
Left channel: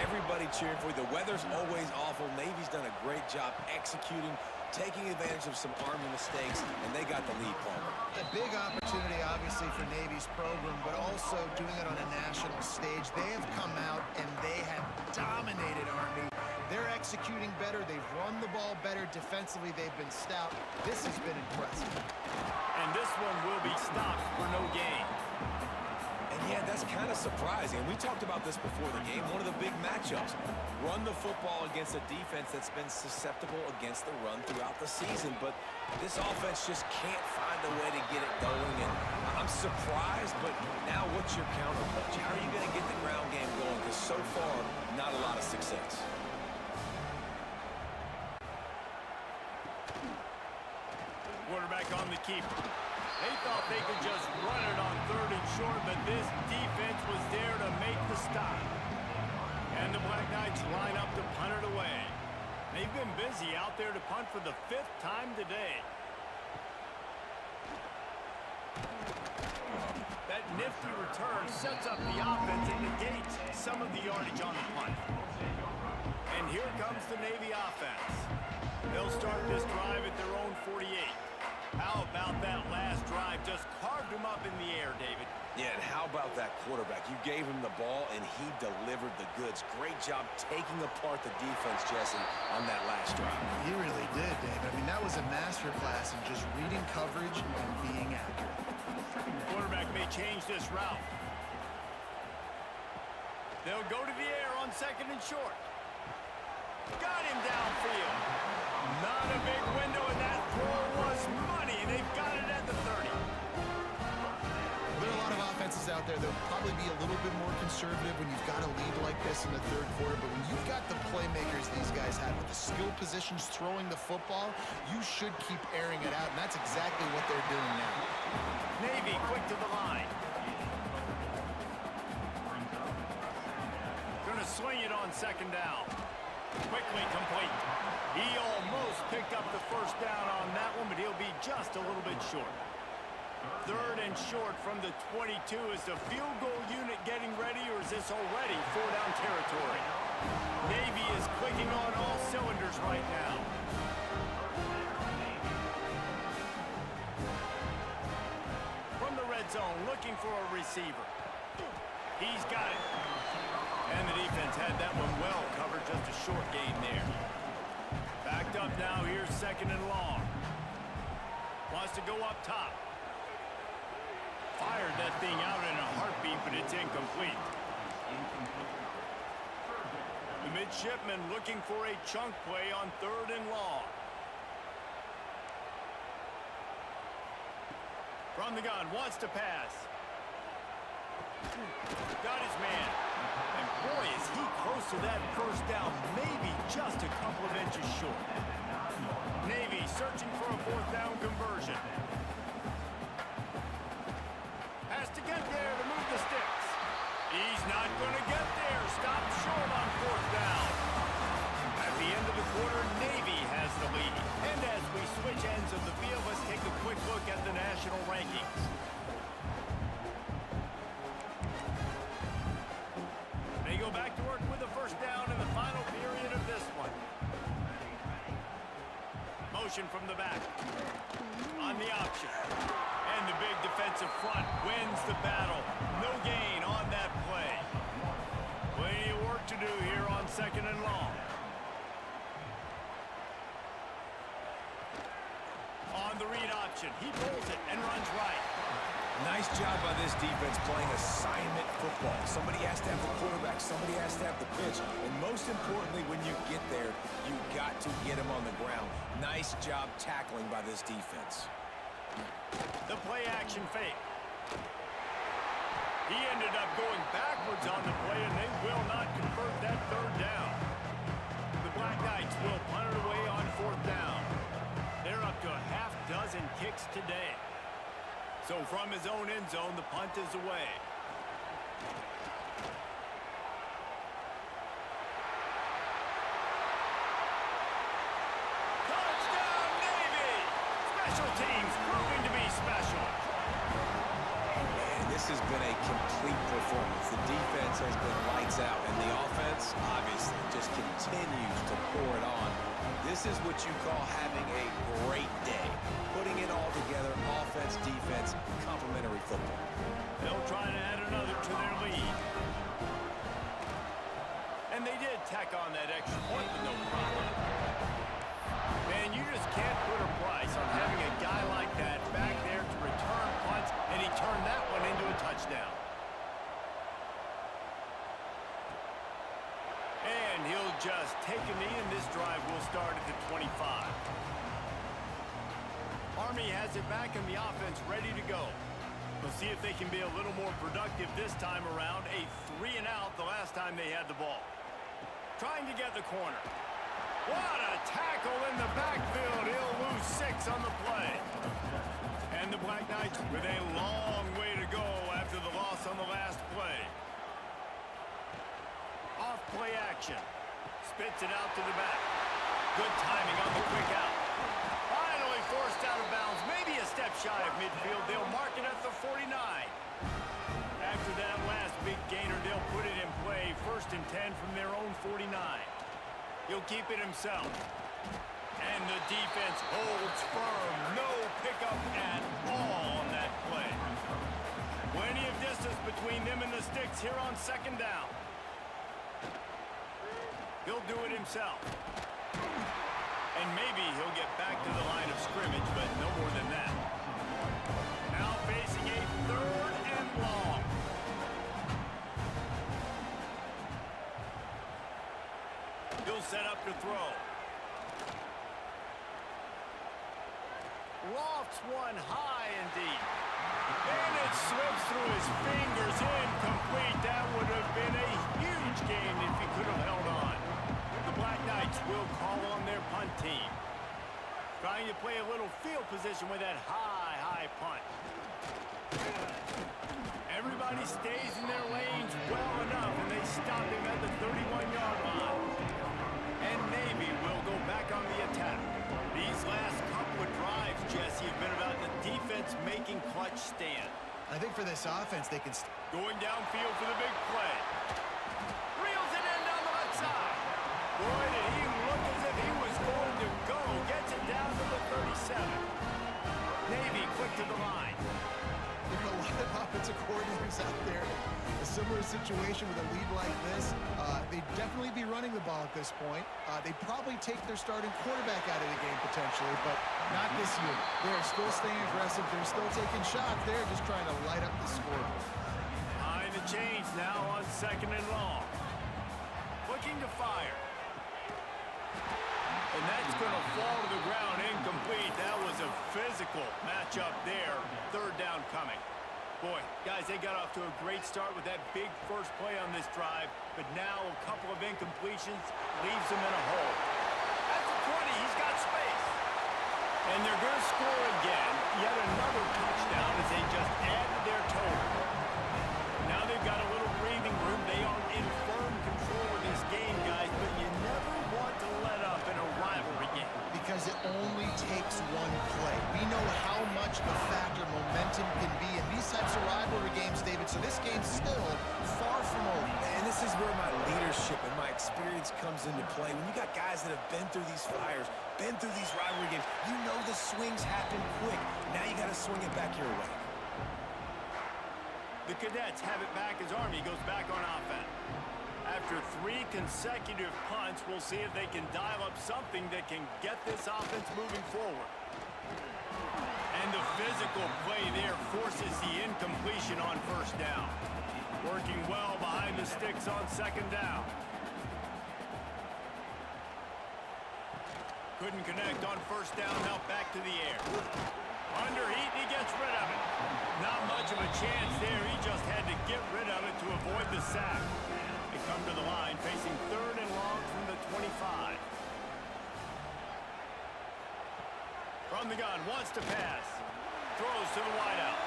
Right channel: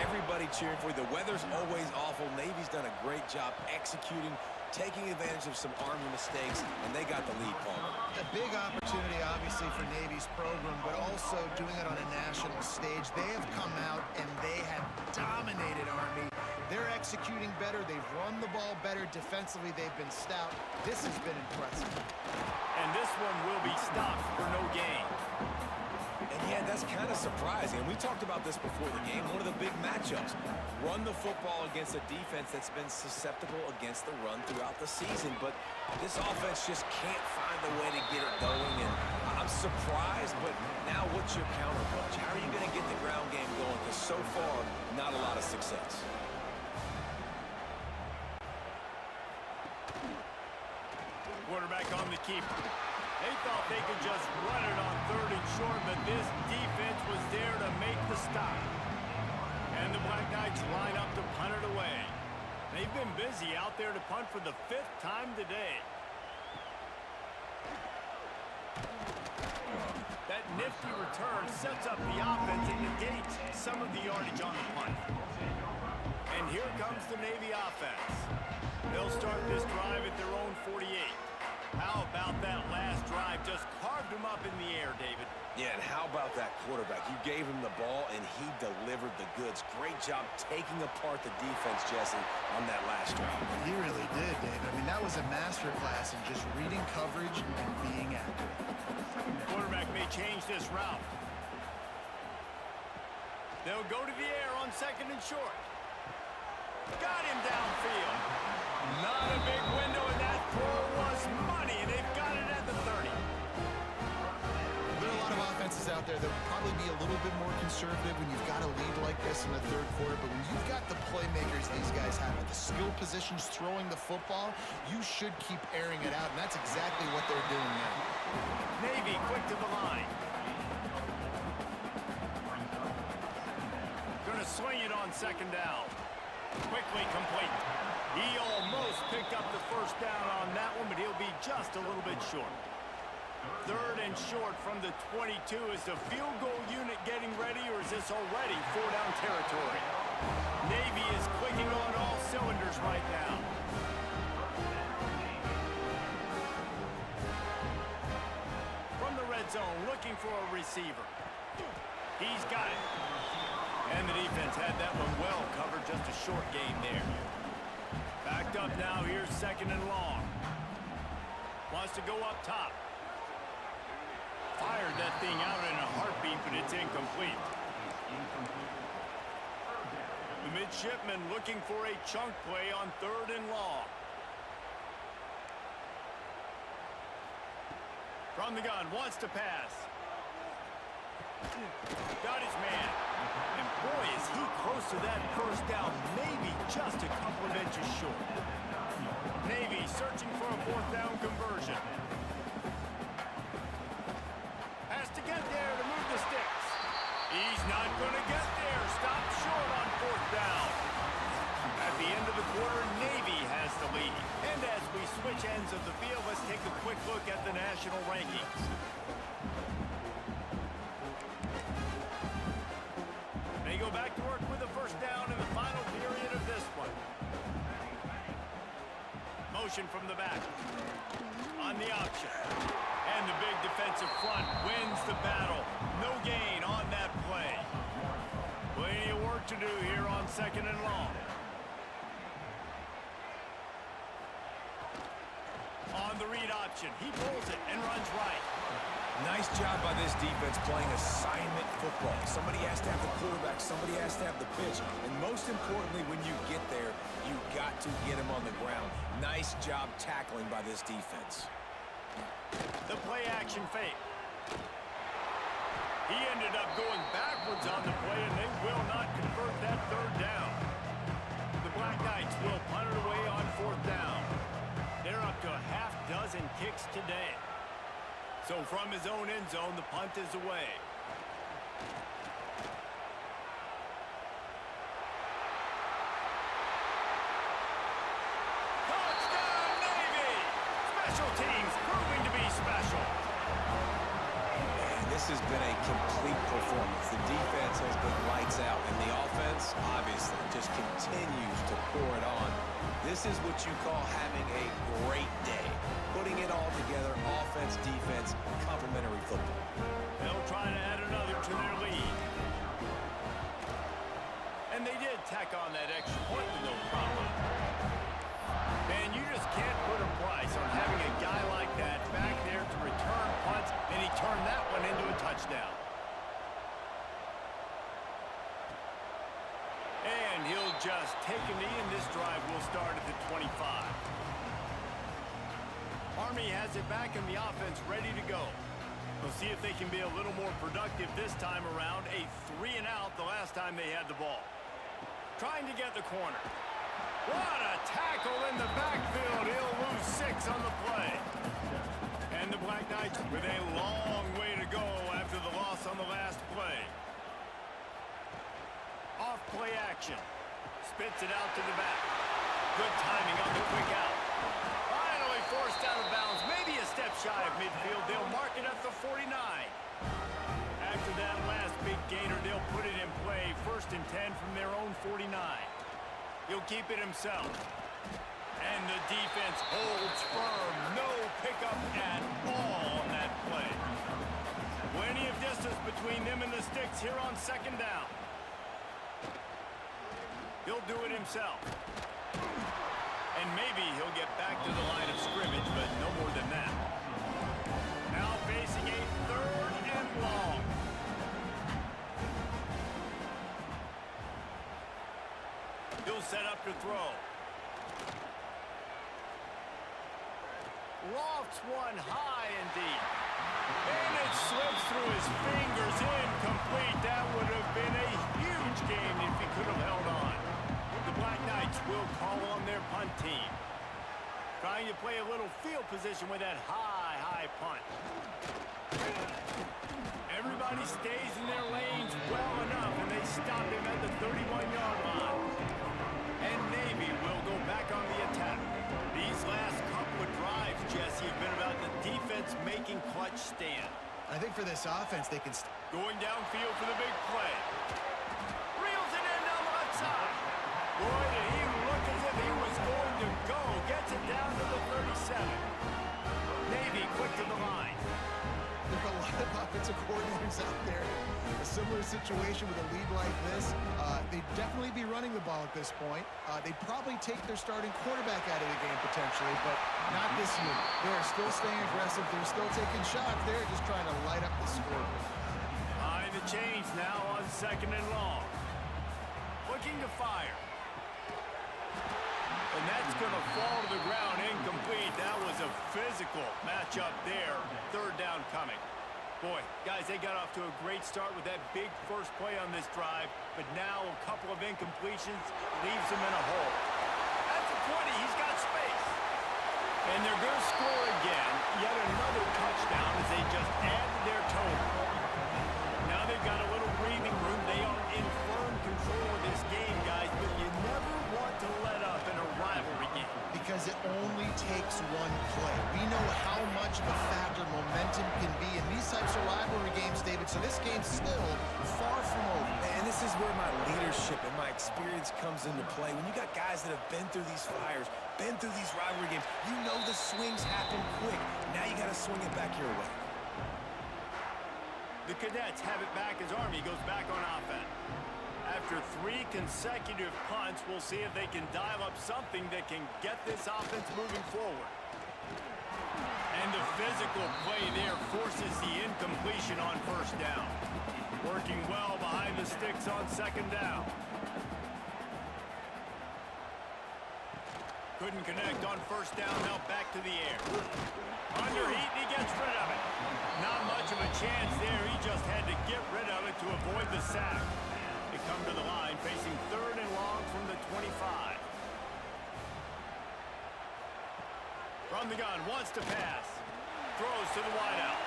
Everybody cheering for you. The weather's always awful. Navy's done a great job executing, taking advantage of some Army mistakes, and they got the lead, Palmer. A big opportunity, obviously, for Navy's program, but also doing it on a national stage. They have come out, and they have dominated Army. They're executing better. They've run the ball better. Defensively, they've been stout. This has been impressive. And this one will be stopped for no gain. And yeah, that's kind of surprising. And we talked about this before the game. One of the big matchups. Run the football against a defense that's been susceptible against the run throughout the season. But this offense just can't find a way to get it going. And I'm surprised, but now what's your counterpunch? How are you going to get the ground game going? Because so far, not a lot of success. Quarterback on the keeper. They thought they could just run it on 3rd and short, but this defense was there to make the stop. And the Black Knights line up to punt it away. They've been busy out there to punt for the 5th time today. That nifty return sets up the offense and negates some of the yardage on the punt. And here comes the Navy offense. They'll start this drive at their own 48. How about that last drive? Just carved him up in the air, David. Yeah, and how about that quarterback? You gave him the ball, and he delivered the goods. Great job taking apart the defense, Jesse, on that last drive. He really did, David. I mean, that was a masterclass in just reading coverage and being accurate. Quarterback may change this route. They'll go to the air on 2nd and short. Got him downfield. Not a big window, and that throw was money, and they've got it at the 30. There are a lot of offenses out there that will probably be a little bit more conservative when you've got a lead like this in the 3rd quarter, but when you've got the playmakers these guys have with the skill positions throwing the football, you should keep airing it out, and that's exactly what they're doing now. Navy quick to the line. Gonna swing it on 2nd down. Quickly complete. He almost picked up the first down on that one, but he'll be just a little bit short. 3rd and short from the 22. Is the field goal unit getting ready, or is this already 4-down territory? Navy is clicking on all cylinders right now. From the red zone, looking for a receiver. He's got it. And the defense had that one well covered, just a short gain there. Backed up now, here's 2nd and long. Wants to go up top. Fired that thing out in a heartbeat, but it's incomplete. The Midshipmen looking for a chunk play on 3rd and long. From the gun, wants to pass. Got his man. And boy, is he close to that first down. Maybe just a couple of inches short. Navy searching for a fourth down conversion. Has to get there to move the sticks. He's not going to get there. Stopped short on fourth down. At the end of the quarter, Navy has the lead. And as we switch ends of the field, let's take a quick look at the national rankings. They go back to work with a first down in the final period of this one. Motion from the back. On the option. And the big defensive front wins the battle. No gain on that play. Plenty of work to do here on 2nd and long. On the read option, he pulls it and runs right. Nice job by this defense playing assignment football. Somebody has to have the quarterback, somebody has to have the pitch. And most importantly, when you get there, you got to get him on the ground. Nice job tackling by this defense. The play action fake. He ended up going backwards on the play, and they will not convert that third down. The Black Knights will punt it away on fourth down. They're up to a half dozen kicks today. So from his own end zone, the punt is away. Touchdown, Navy! Special teams proving to be special. And this has been a complete performance. The defense has been lights out, and the offense, obviously, just continues to pour it on. This is what you call having a great day. Putting it all together, offense, defense, complementary football. They'll try to add another to their lead. And they did tack on that extra point with no problem. Man, you just can't put a price on having a guy like that back there to return punts, and he turned that one into a touchdown. And he'll just take a knee, and this drive will start at the 25. Army has it back, and the offense ready to go. We'll see if they can be a little more productive this time around. A 3-and-out the last time they had the ball. Trying to get the corner. What a tackle in the backfield. He'll lose 6 on the play. And the Black Knights with a long way to go after the loss on the last play. Off play action. Spits it out to the back. Good timing on the quick out. Finally forced out of bounds. Maybe a step shy of midfield. They'll mark it at the 49. After that last big gainer, they'll put it in play. 1st and 10 from their own 49. He'll keep it himself. And the defense holds firm. No pickup at all on that play. Plenty of distance between them and the sticks here on 2nd down. He'll do it himself. And maybe he'll get back to the line of scrimmage, but no more than that. Now facing a 3rd and long. He'll set up to throw. Lofts one high and deep. And it slips through his fingers, incomplete. That would have been a huge gain if he could have held on. The Black Knights will call on their punt team. Trying to play a little field position with that high punt. Everybody stays in their lanes well enough, and they stop him at the 31-yard line. And Navy will go back on the attack. These last couple of drives, Jesse, have been about the defense making clutch stand. I think for this offense, they can... Going downfield for the big play. Reels it in down the left side. Boy, did he look as if he was going to go. Gets it down to the 37. Navy quick to the line. There are a lot of offensive coordinators out there. A similar situation with a lead like this. They'd definitely be running the ball at this point. They'd probably take their starting quarterback out of the game potentially, but not this unit. They're still staying aggressive. They're still taking shots. They're just trying to light up the scoreboard. Behind the chains now on 2nd and long. Looking to fire. And that's going to fall to the ground incomplete. That was a physical matchup there. 3rd down coming. Boy, guys, they got off to a great start with that big first play on this drive, but now a couple of incompletions leaves them in a hole. At the 20, he's got space. And they're going to score again, yet another touchdown as they just add to their total. Now they've got a little breathing room. They are in firm control of this game, guys, but you never want to let up in a rivalry game. Because it only takes one play. We know how much of a factor momentum can be in these types of rivalry games, David, so this game's still far from over. And this is where my leadership and my experience comes into play. When you got guys that have been through these fires, been through these rivalry games, you know the swings happen quick. Now you got to swing it back your way. The Cadets have it back as Army goes back on offense. After 3 consecutive punts, we'll see if they can dial up something that can get this offense moving forward. And the physical play there forces the incompletion on first down. Working well behind the sticks on second down. Couldn't connect on first down, now back to the air. Under heat, and he gets rid of it. Not much of a chance there. He just had to get rid of it to avoid the sack. They come to the line, facing 3rd and long from the 25. From the gun, wants to pass. Throws to the wideout.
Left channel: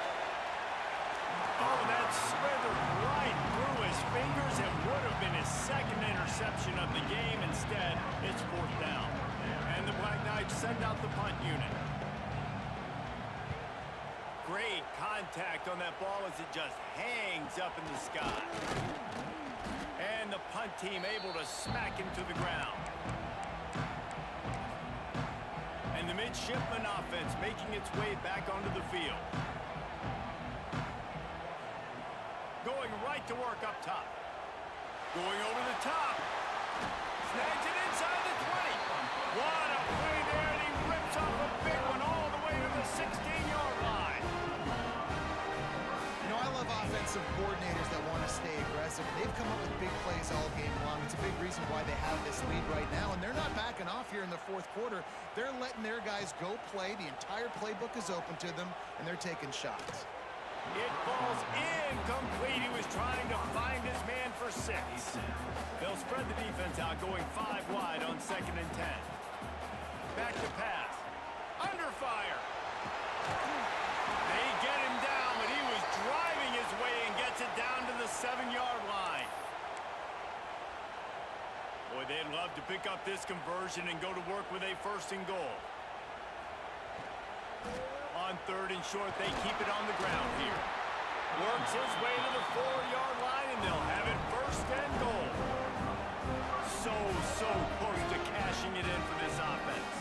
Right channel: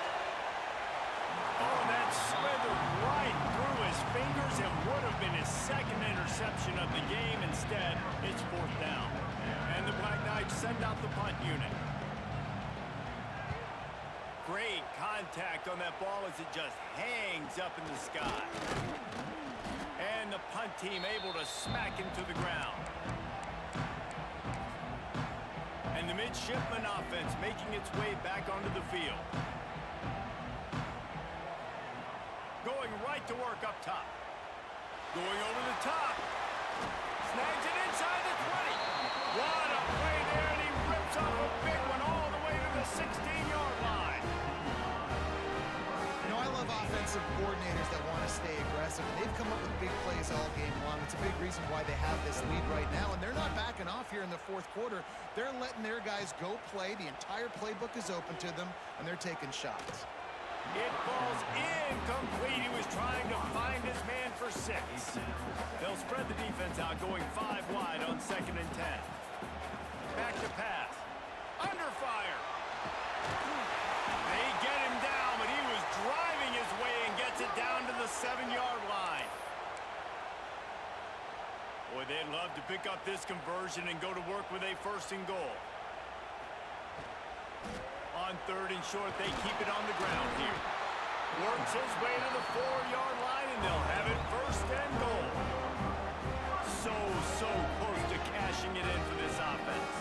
Oh, that slithered right through his fingers and would have been his second interception of the game. Instead, it's 4th down. And the Black Knights send out the punt unit. Great contact on that ball as it just hangs up in the sky. And the punt team able to smack him to the ground. And the midshipman offense making its way back onto the field. Going right to work up top. Going over the top. Snags it inside the 20. What a play there, and he rips off a big one all the way to the 16-yard line. You know, I love offensive coordinators that want to stay aggressive, and they've come up with big plays all game long. It's a big reason why they have this lead right now, and they're not backing off here in the 4th quarter. They're letting their guys go play. The entire playbook is open to them, and they're taking shots. It falls incomplete. He was trying to find his man for 6. They'll spread the defense out, going 5 wide on 2nd and 10. Back to pass. Under fire. They get him down, but he was driving his way and gets it down to the 7-yard line. Boy, they'd love to pick up this conversion and go to work with a 1st and goal. On 3rd and short, they keep it on the ground here. Works his way to the 4-yard line, and they'll have it 1st and goal. So close to cashing it in for this offense.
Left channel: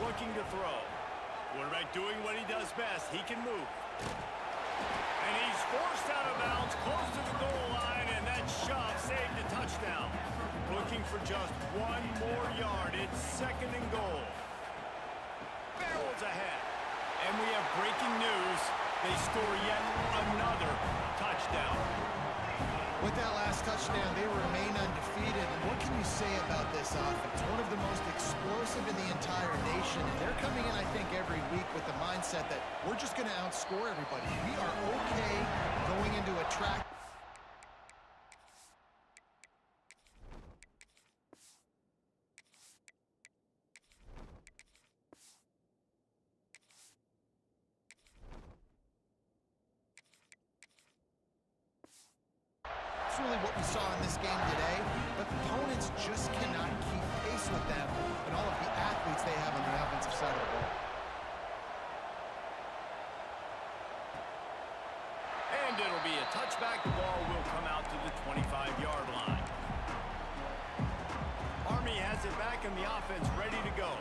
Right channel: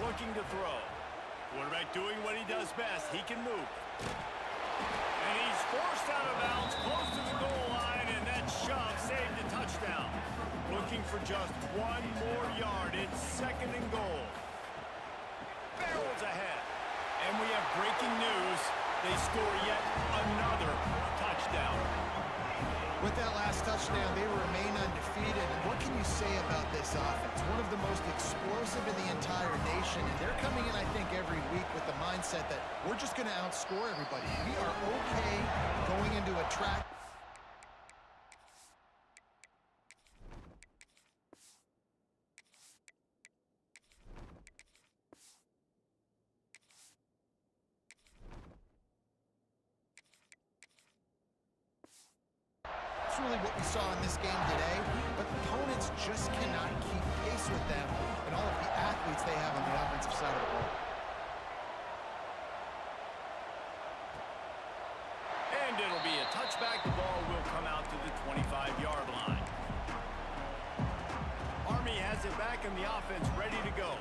Looking to throw. Quarterback doing what he does best. He can move. And he's forced out of bounds, close to the goal line, and that shove saved a touchdown. Looking for just 1 more yard. It's 2nd and goal. Barrels ahead. And we have breaking news. They score yet another touchdown. With that last touchdown, they remain undefeated. And what can you say about this offense? One of the most explosive in the entire nation. And they're coming in, I think, every week with the mindset that we're just going to outscore everybody. We are okay going into a track. Really what we saw in this game today, but opponents just cannot keep pace with them and all of the athletes they have on the offensive side of the ball. And it'll be a touchback. The ball will come out to the 25-yard line. Army has it back and the offense ready to go.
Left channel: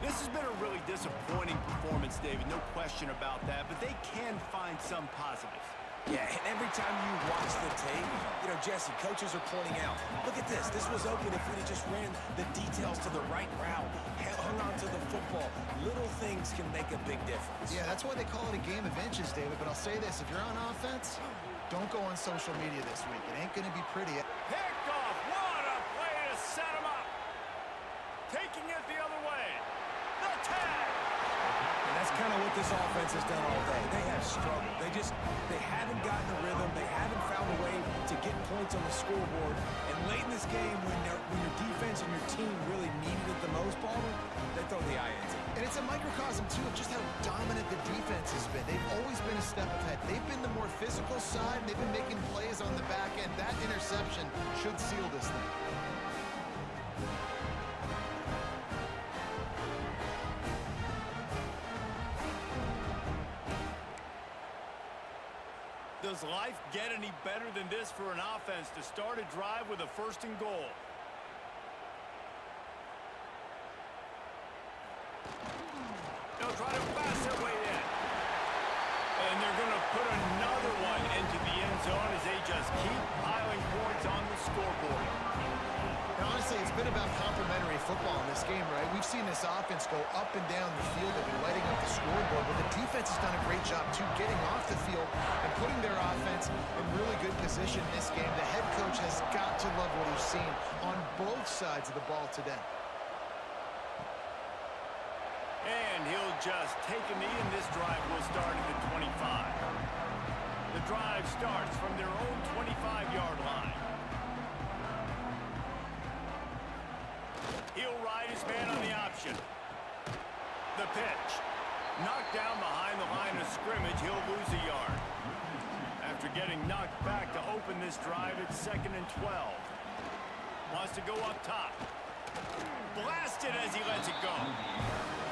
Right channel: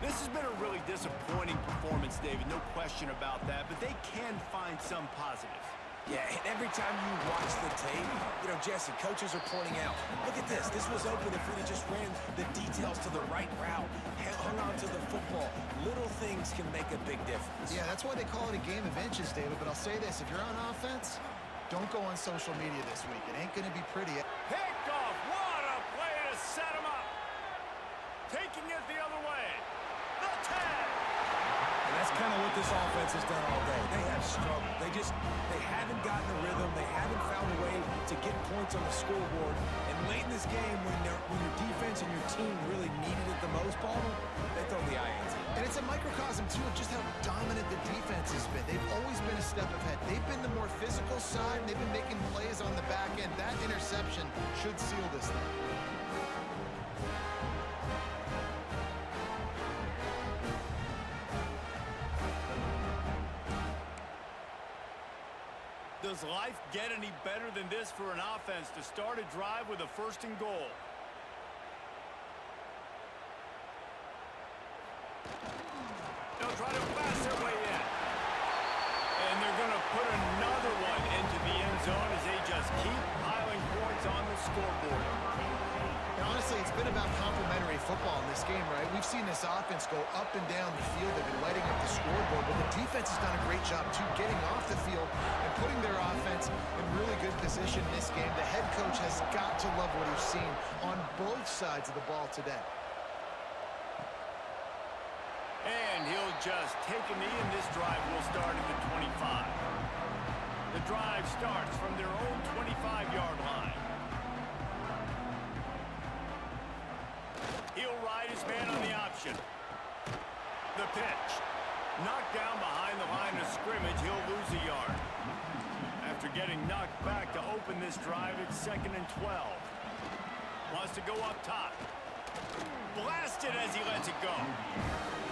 This has been a really disappointing performance, David, no question about that, but they can find some positives. Yeah, and every time you watch the tape, you know, Jesse, coaches are pointing out, look at this. This was open if we'd have just ran the details to the right route, hung on to the football. Little things can make a big difference. Yeah, that's why they call it a game of inches, David. But I'll say this, if you're on offense, don't go on social media this week. It ain't going to be pretty. Picked off. What a play to set him up. Taking it the other way. The tag. And that's kind of what this offense has done all day. They have struggled. They haven't gotten a rhythm. They haven't found a way to get points on the scoreboard. And late in this game, when your defense and your team really needed it the most, Palmer, they throw the INT. And it's a microcosm, too, of just how dominant the defense has been. They've always been a step ahead. They've been the more physical side, and they've been making plays on the back end. That interception should seal this thing. Does life get any better than this for an offense to start a drive with a 1st and goal? They'll try to pass their way in. And they're going to put another one into the end zone as they just keep piling points on the scoreboard. And honestly, it's been about complementary football in this game, right? We've seen this offense go up and down the field. They've been lighting up the scoreboard, but the defense has done a great job, too, getting off the field and putting their offense in really good position in this game. The head coach has got to love what he's seen on both sides of the ball today. And he'll just take a knee, and this drive will start at the 25. The drive starts from their own 25-yard line. He'll ride his man on the option. The pitch. Knocked down behind the line of scrimmage, he'll lose a yard. After getting knocked back to open this drive, it's 2nd and 12. Wants to go up top. Blasted as he lets it go.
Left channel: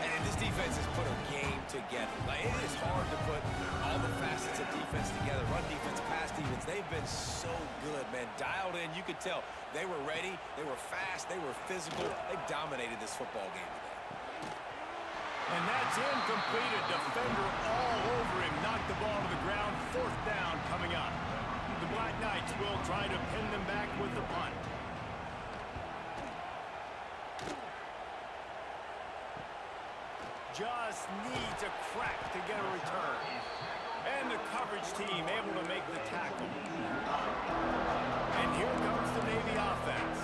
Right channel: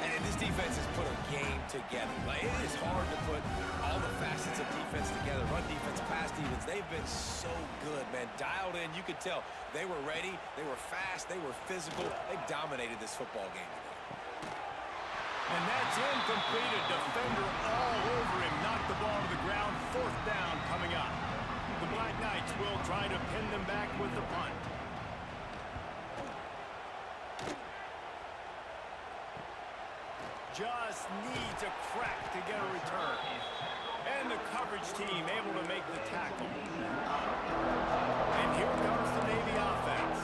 And this defense has put a game together. Like, it is hard to put all the facets of defense together. Run defense, pass defense. They've been so good, man. Dialed in. You could tell they were ready. They were fast. They were physical. They dominated this football game today. And that's incomplete. A defender all over him. Knocked the ball to the ground. 4th down coming up. The Black Knights will try to pin them back with the punt. Just needs a crack to get a return. And the coverage team able to make the tackle. And here comes the Navy offense.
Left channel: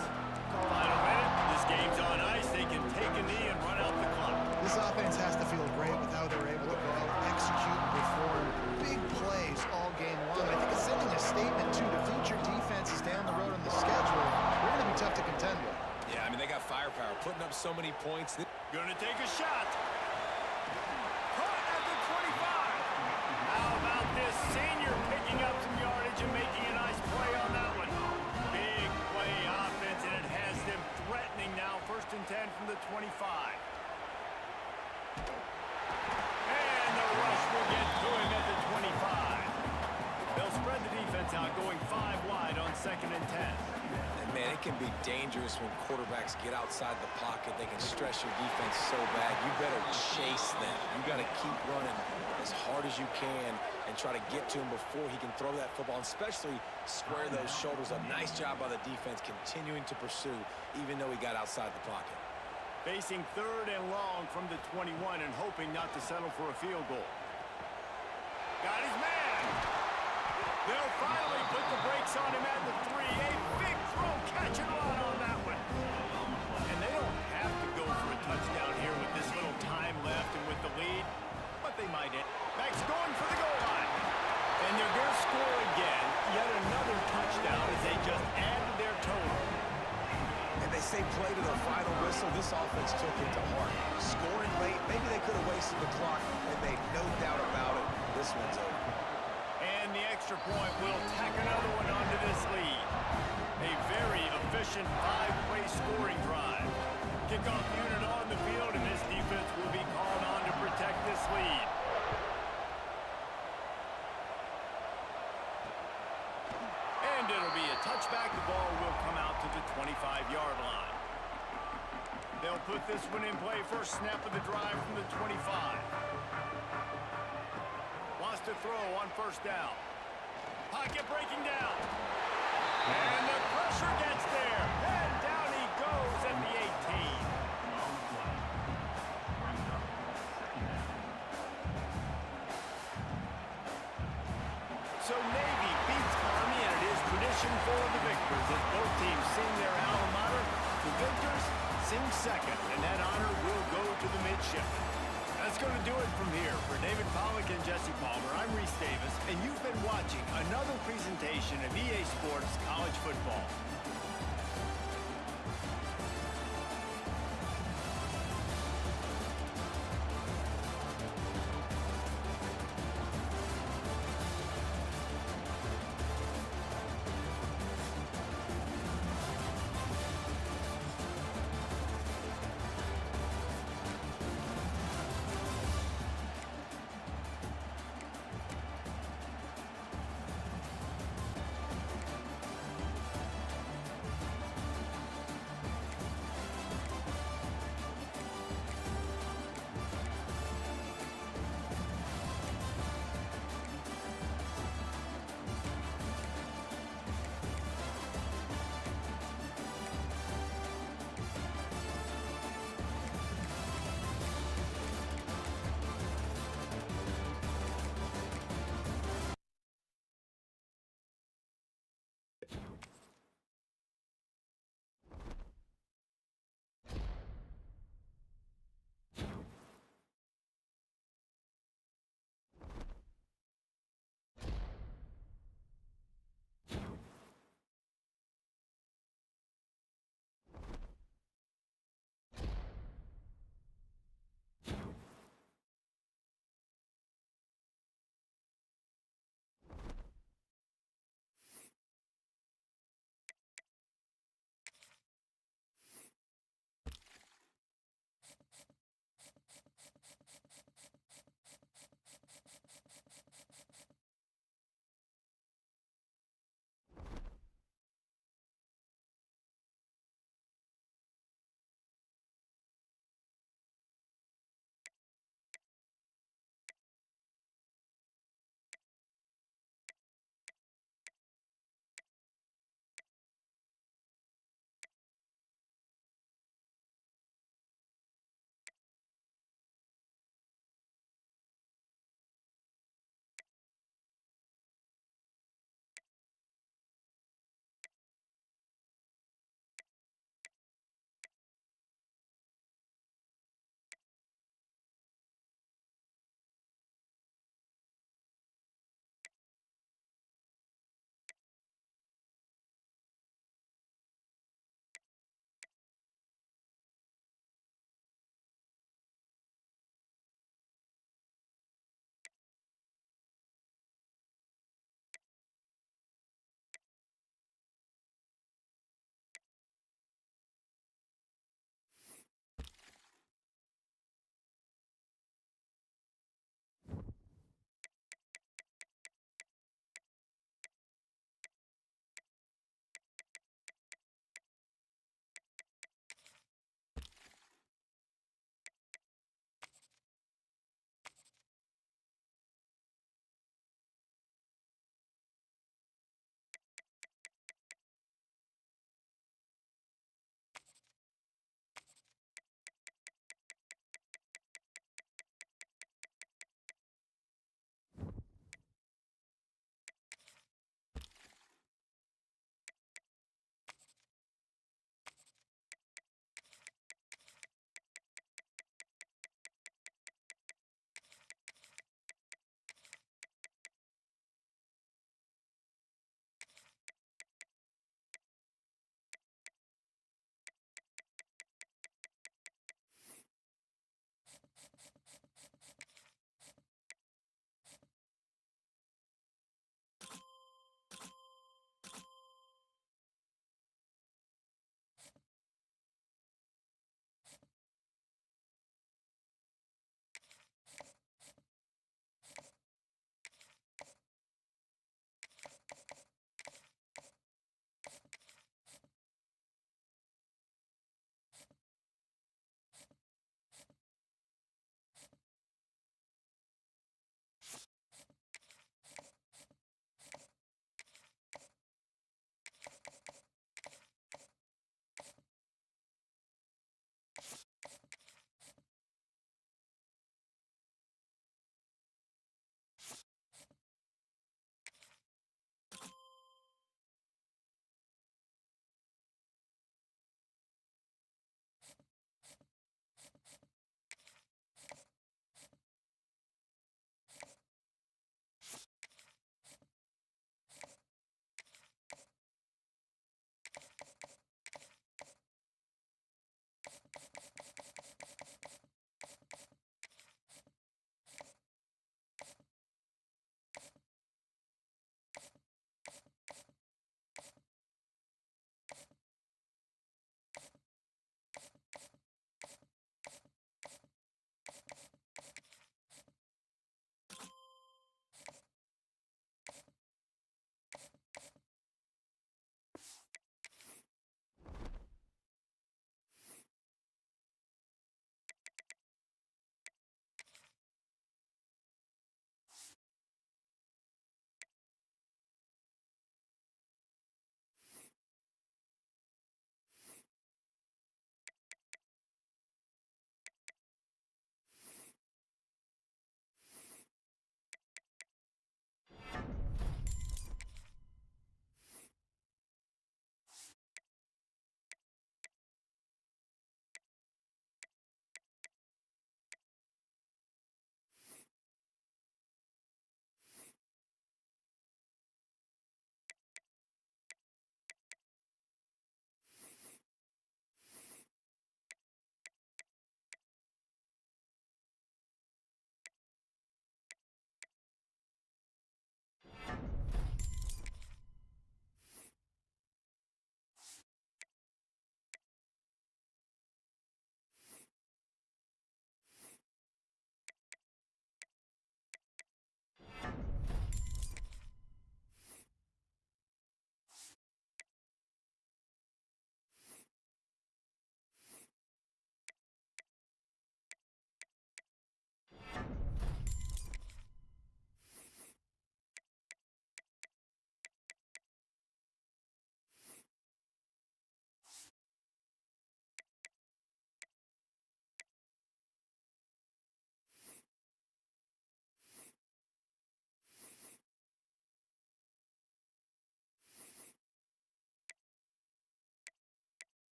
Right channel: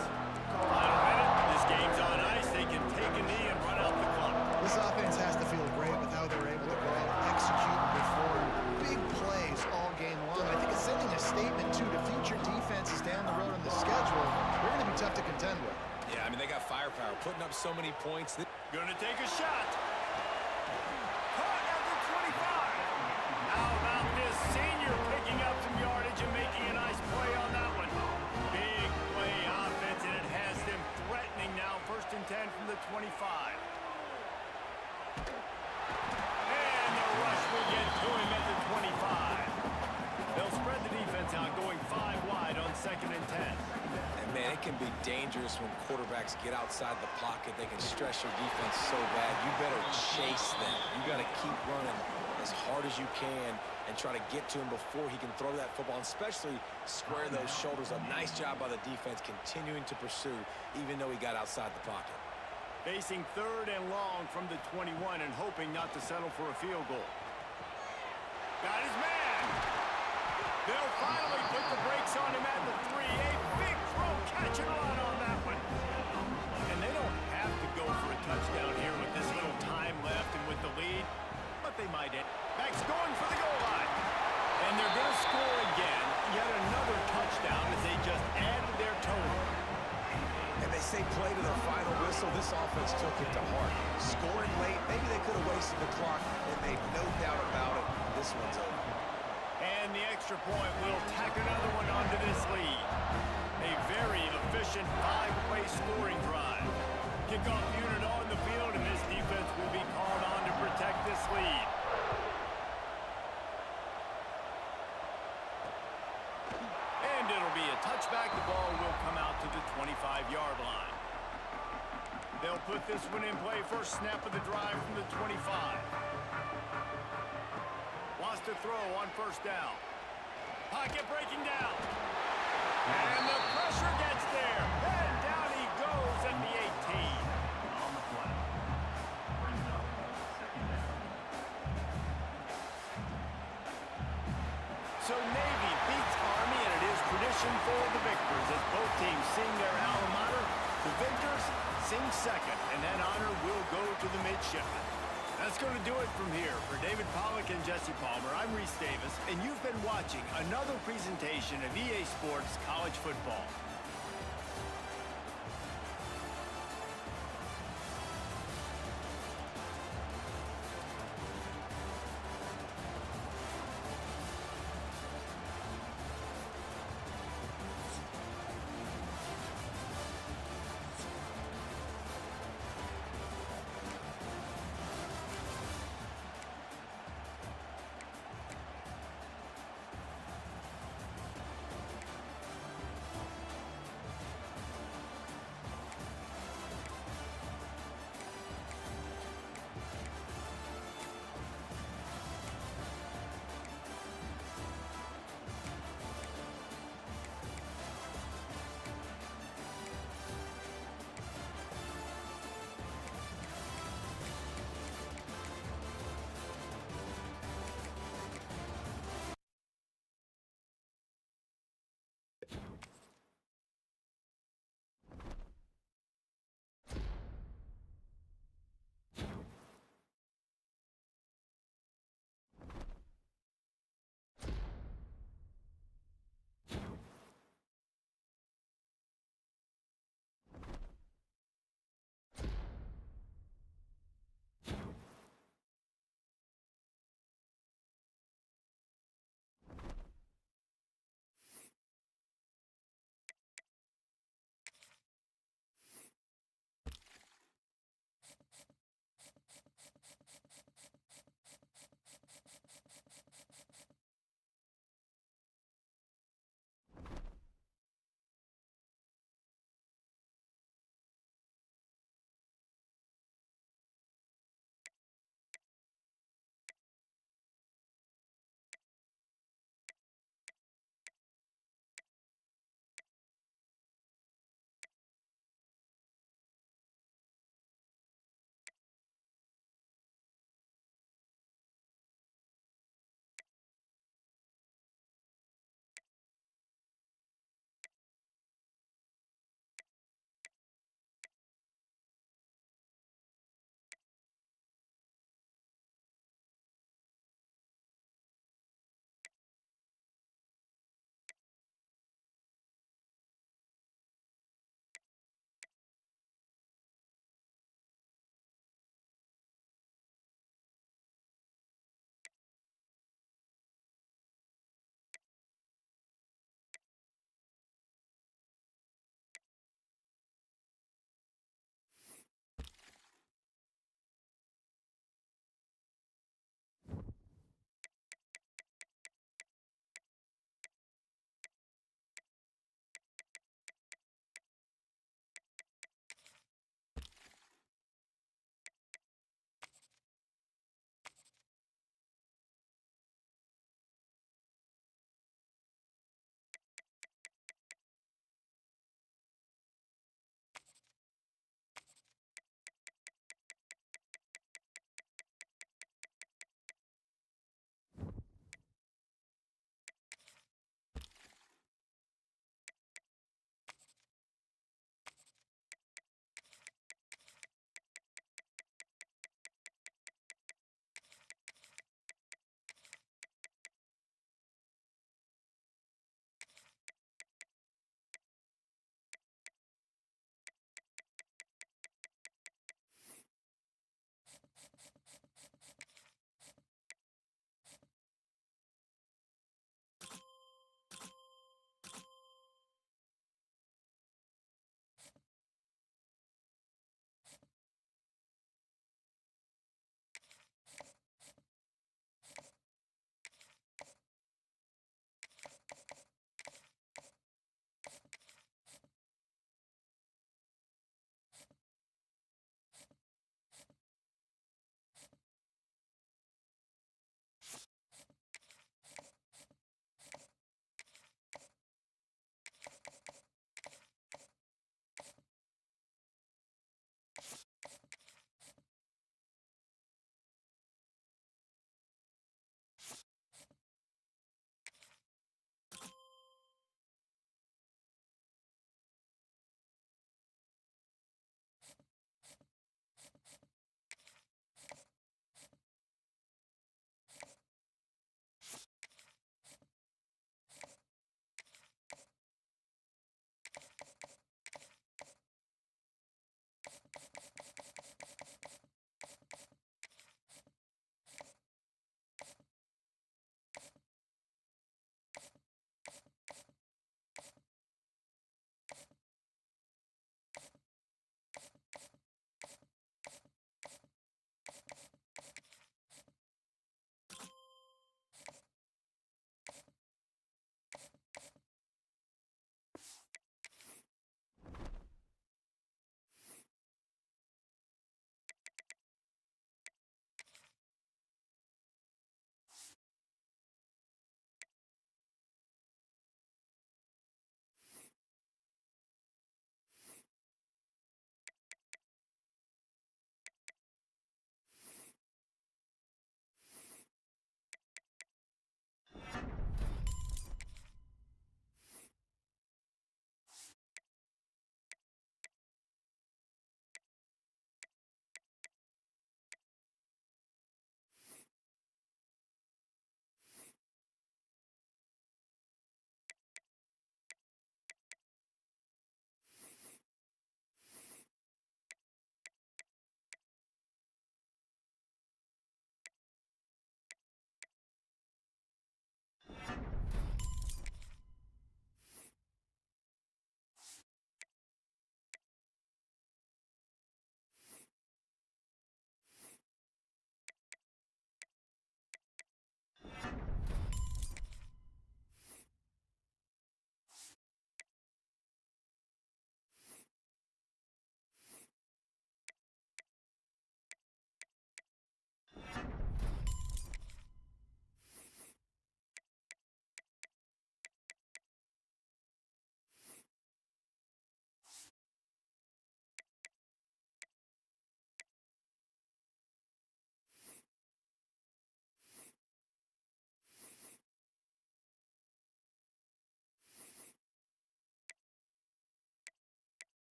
Final minute. This game's on ice. They can take a knee and run out the clock. This offense has to feel great with how they're able to go out, execute, and perform big plays all game long. I think it's sending a statement, too, to future defenses down the road on the schedule. They're going to be tough to contend with. Yeah, I mean, they got firepower, putting up so many points. Gonna take a shot. Caught at the 25. How about this senior picking up some yardage and making a nice play on that one? Big play offense, and it has them threatening now. 1st and 10 from the 25. And the rush will get to him at the 25. They'll spread the defense out, going 5 wide on 2nd and 10. And, man, it can be dangerous when quarterbacks get outside the pocket. They can stress your defense so bad. You better chase them. You got to keep running as hard as you can and try to get to him before he can throw that football, and especially square those shoulders up. Nice job by the defense continuing to pursue, even though he got outside the pocket. Facing 3rd and long from the 21 and hoping not to settle for a field goal. Got his man. They'll finally put the brakes on him at the 3. A big throw, catch and run on that one. And they don't have to go for a touchdown here with this little time left and with the lead, but they might end. Max going for the goal line. And they're going to score again. Yet another touchdown as they just added their total. And they say play to the final whistle. This offense took it to heart. Scoring late, maybe they could have wasted the clock. They made no doubt about it. This one's over. And the extra point will tack another one onto this lead. A very efficient 5-play scoring drive. Kickoff unit on the field, and this defense will be called on to protect this lead. And it'll be a touchback. The ball will come out to the 25-yard line. They'll put this one in play. First snap of the drive from the 25. Wants to throw on 1st down. Pocket breaking down. And the pressure gets there. And down he goes at the 18. On the play. Brings up 2nd down. So Navy beats Army, and it is tradition for the victors as both teams sing their alma mater. The victors sing second, and that honor will go to the midshipmen. That's going to do it from here. For David Pollack and Jesse Palmer, I'm Reese Davis, and you've been watching another presentation of EA Sports College Football.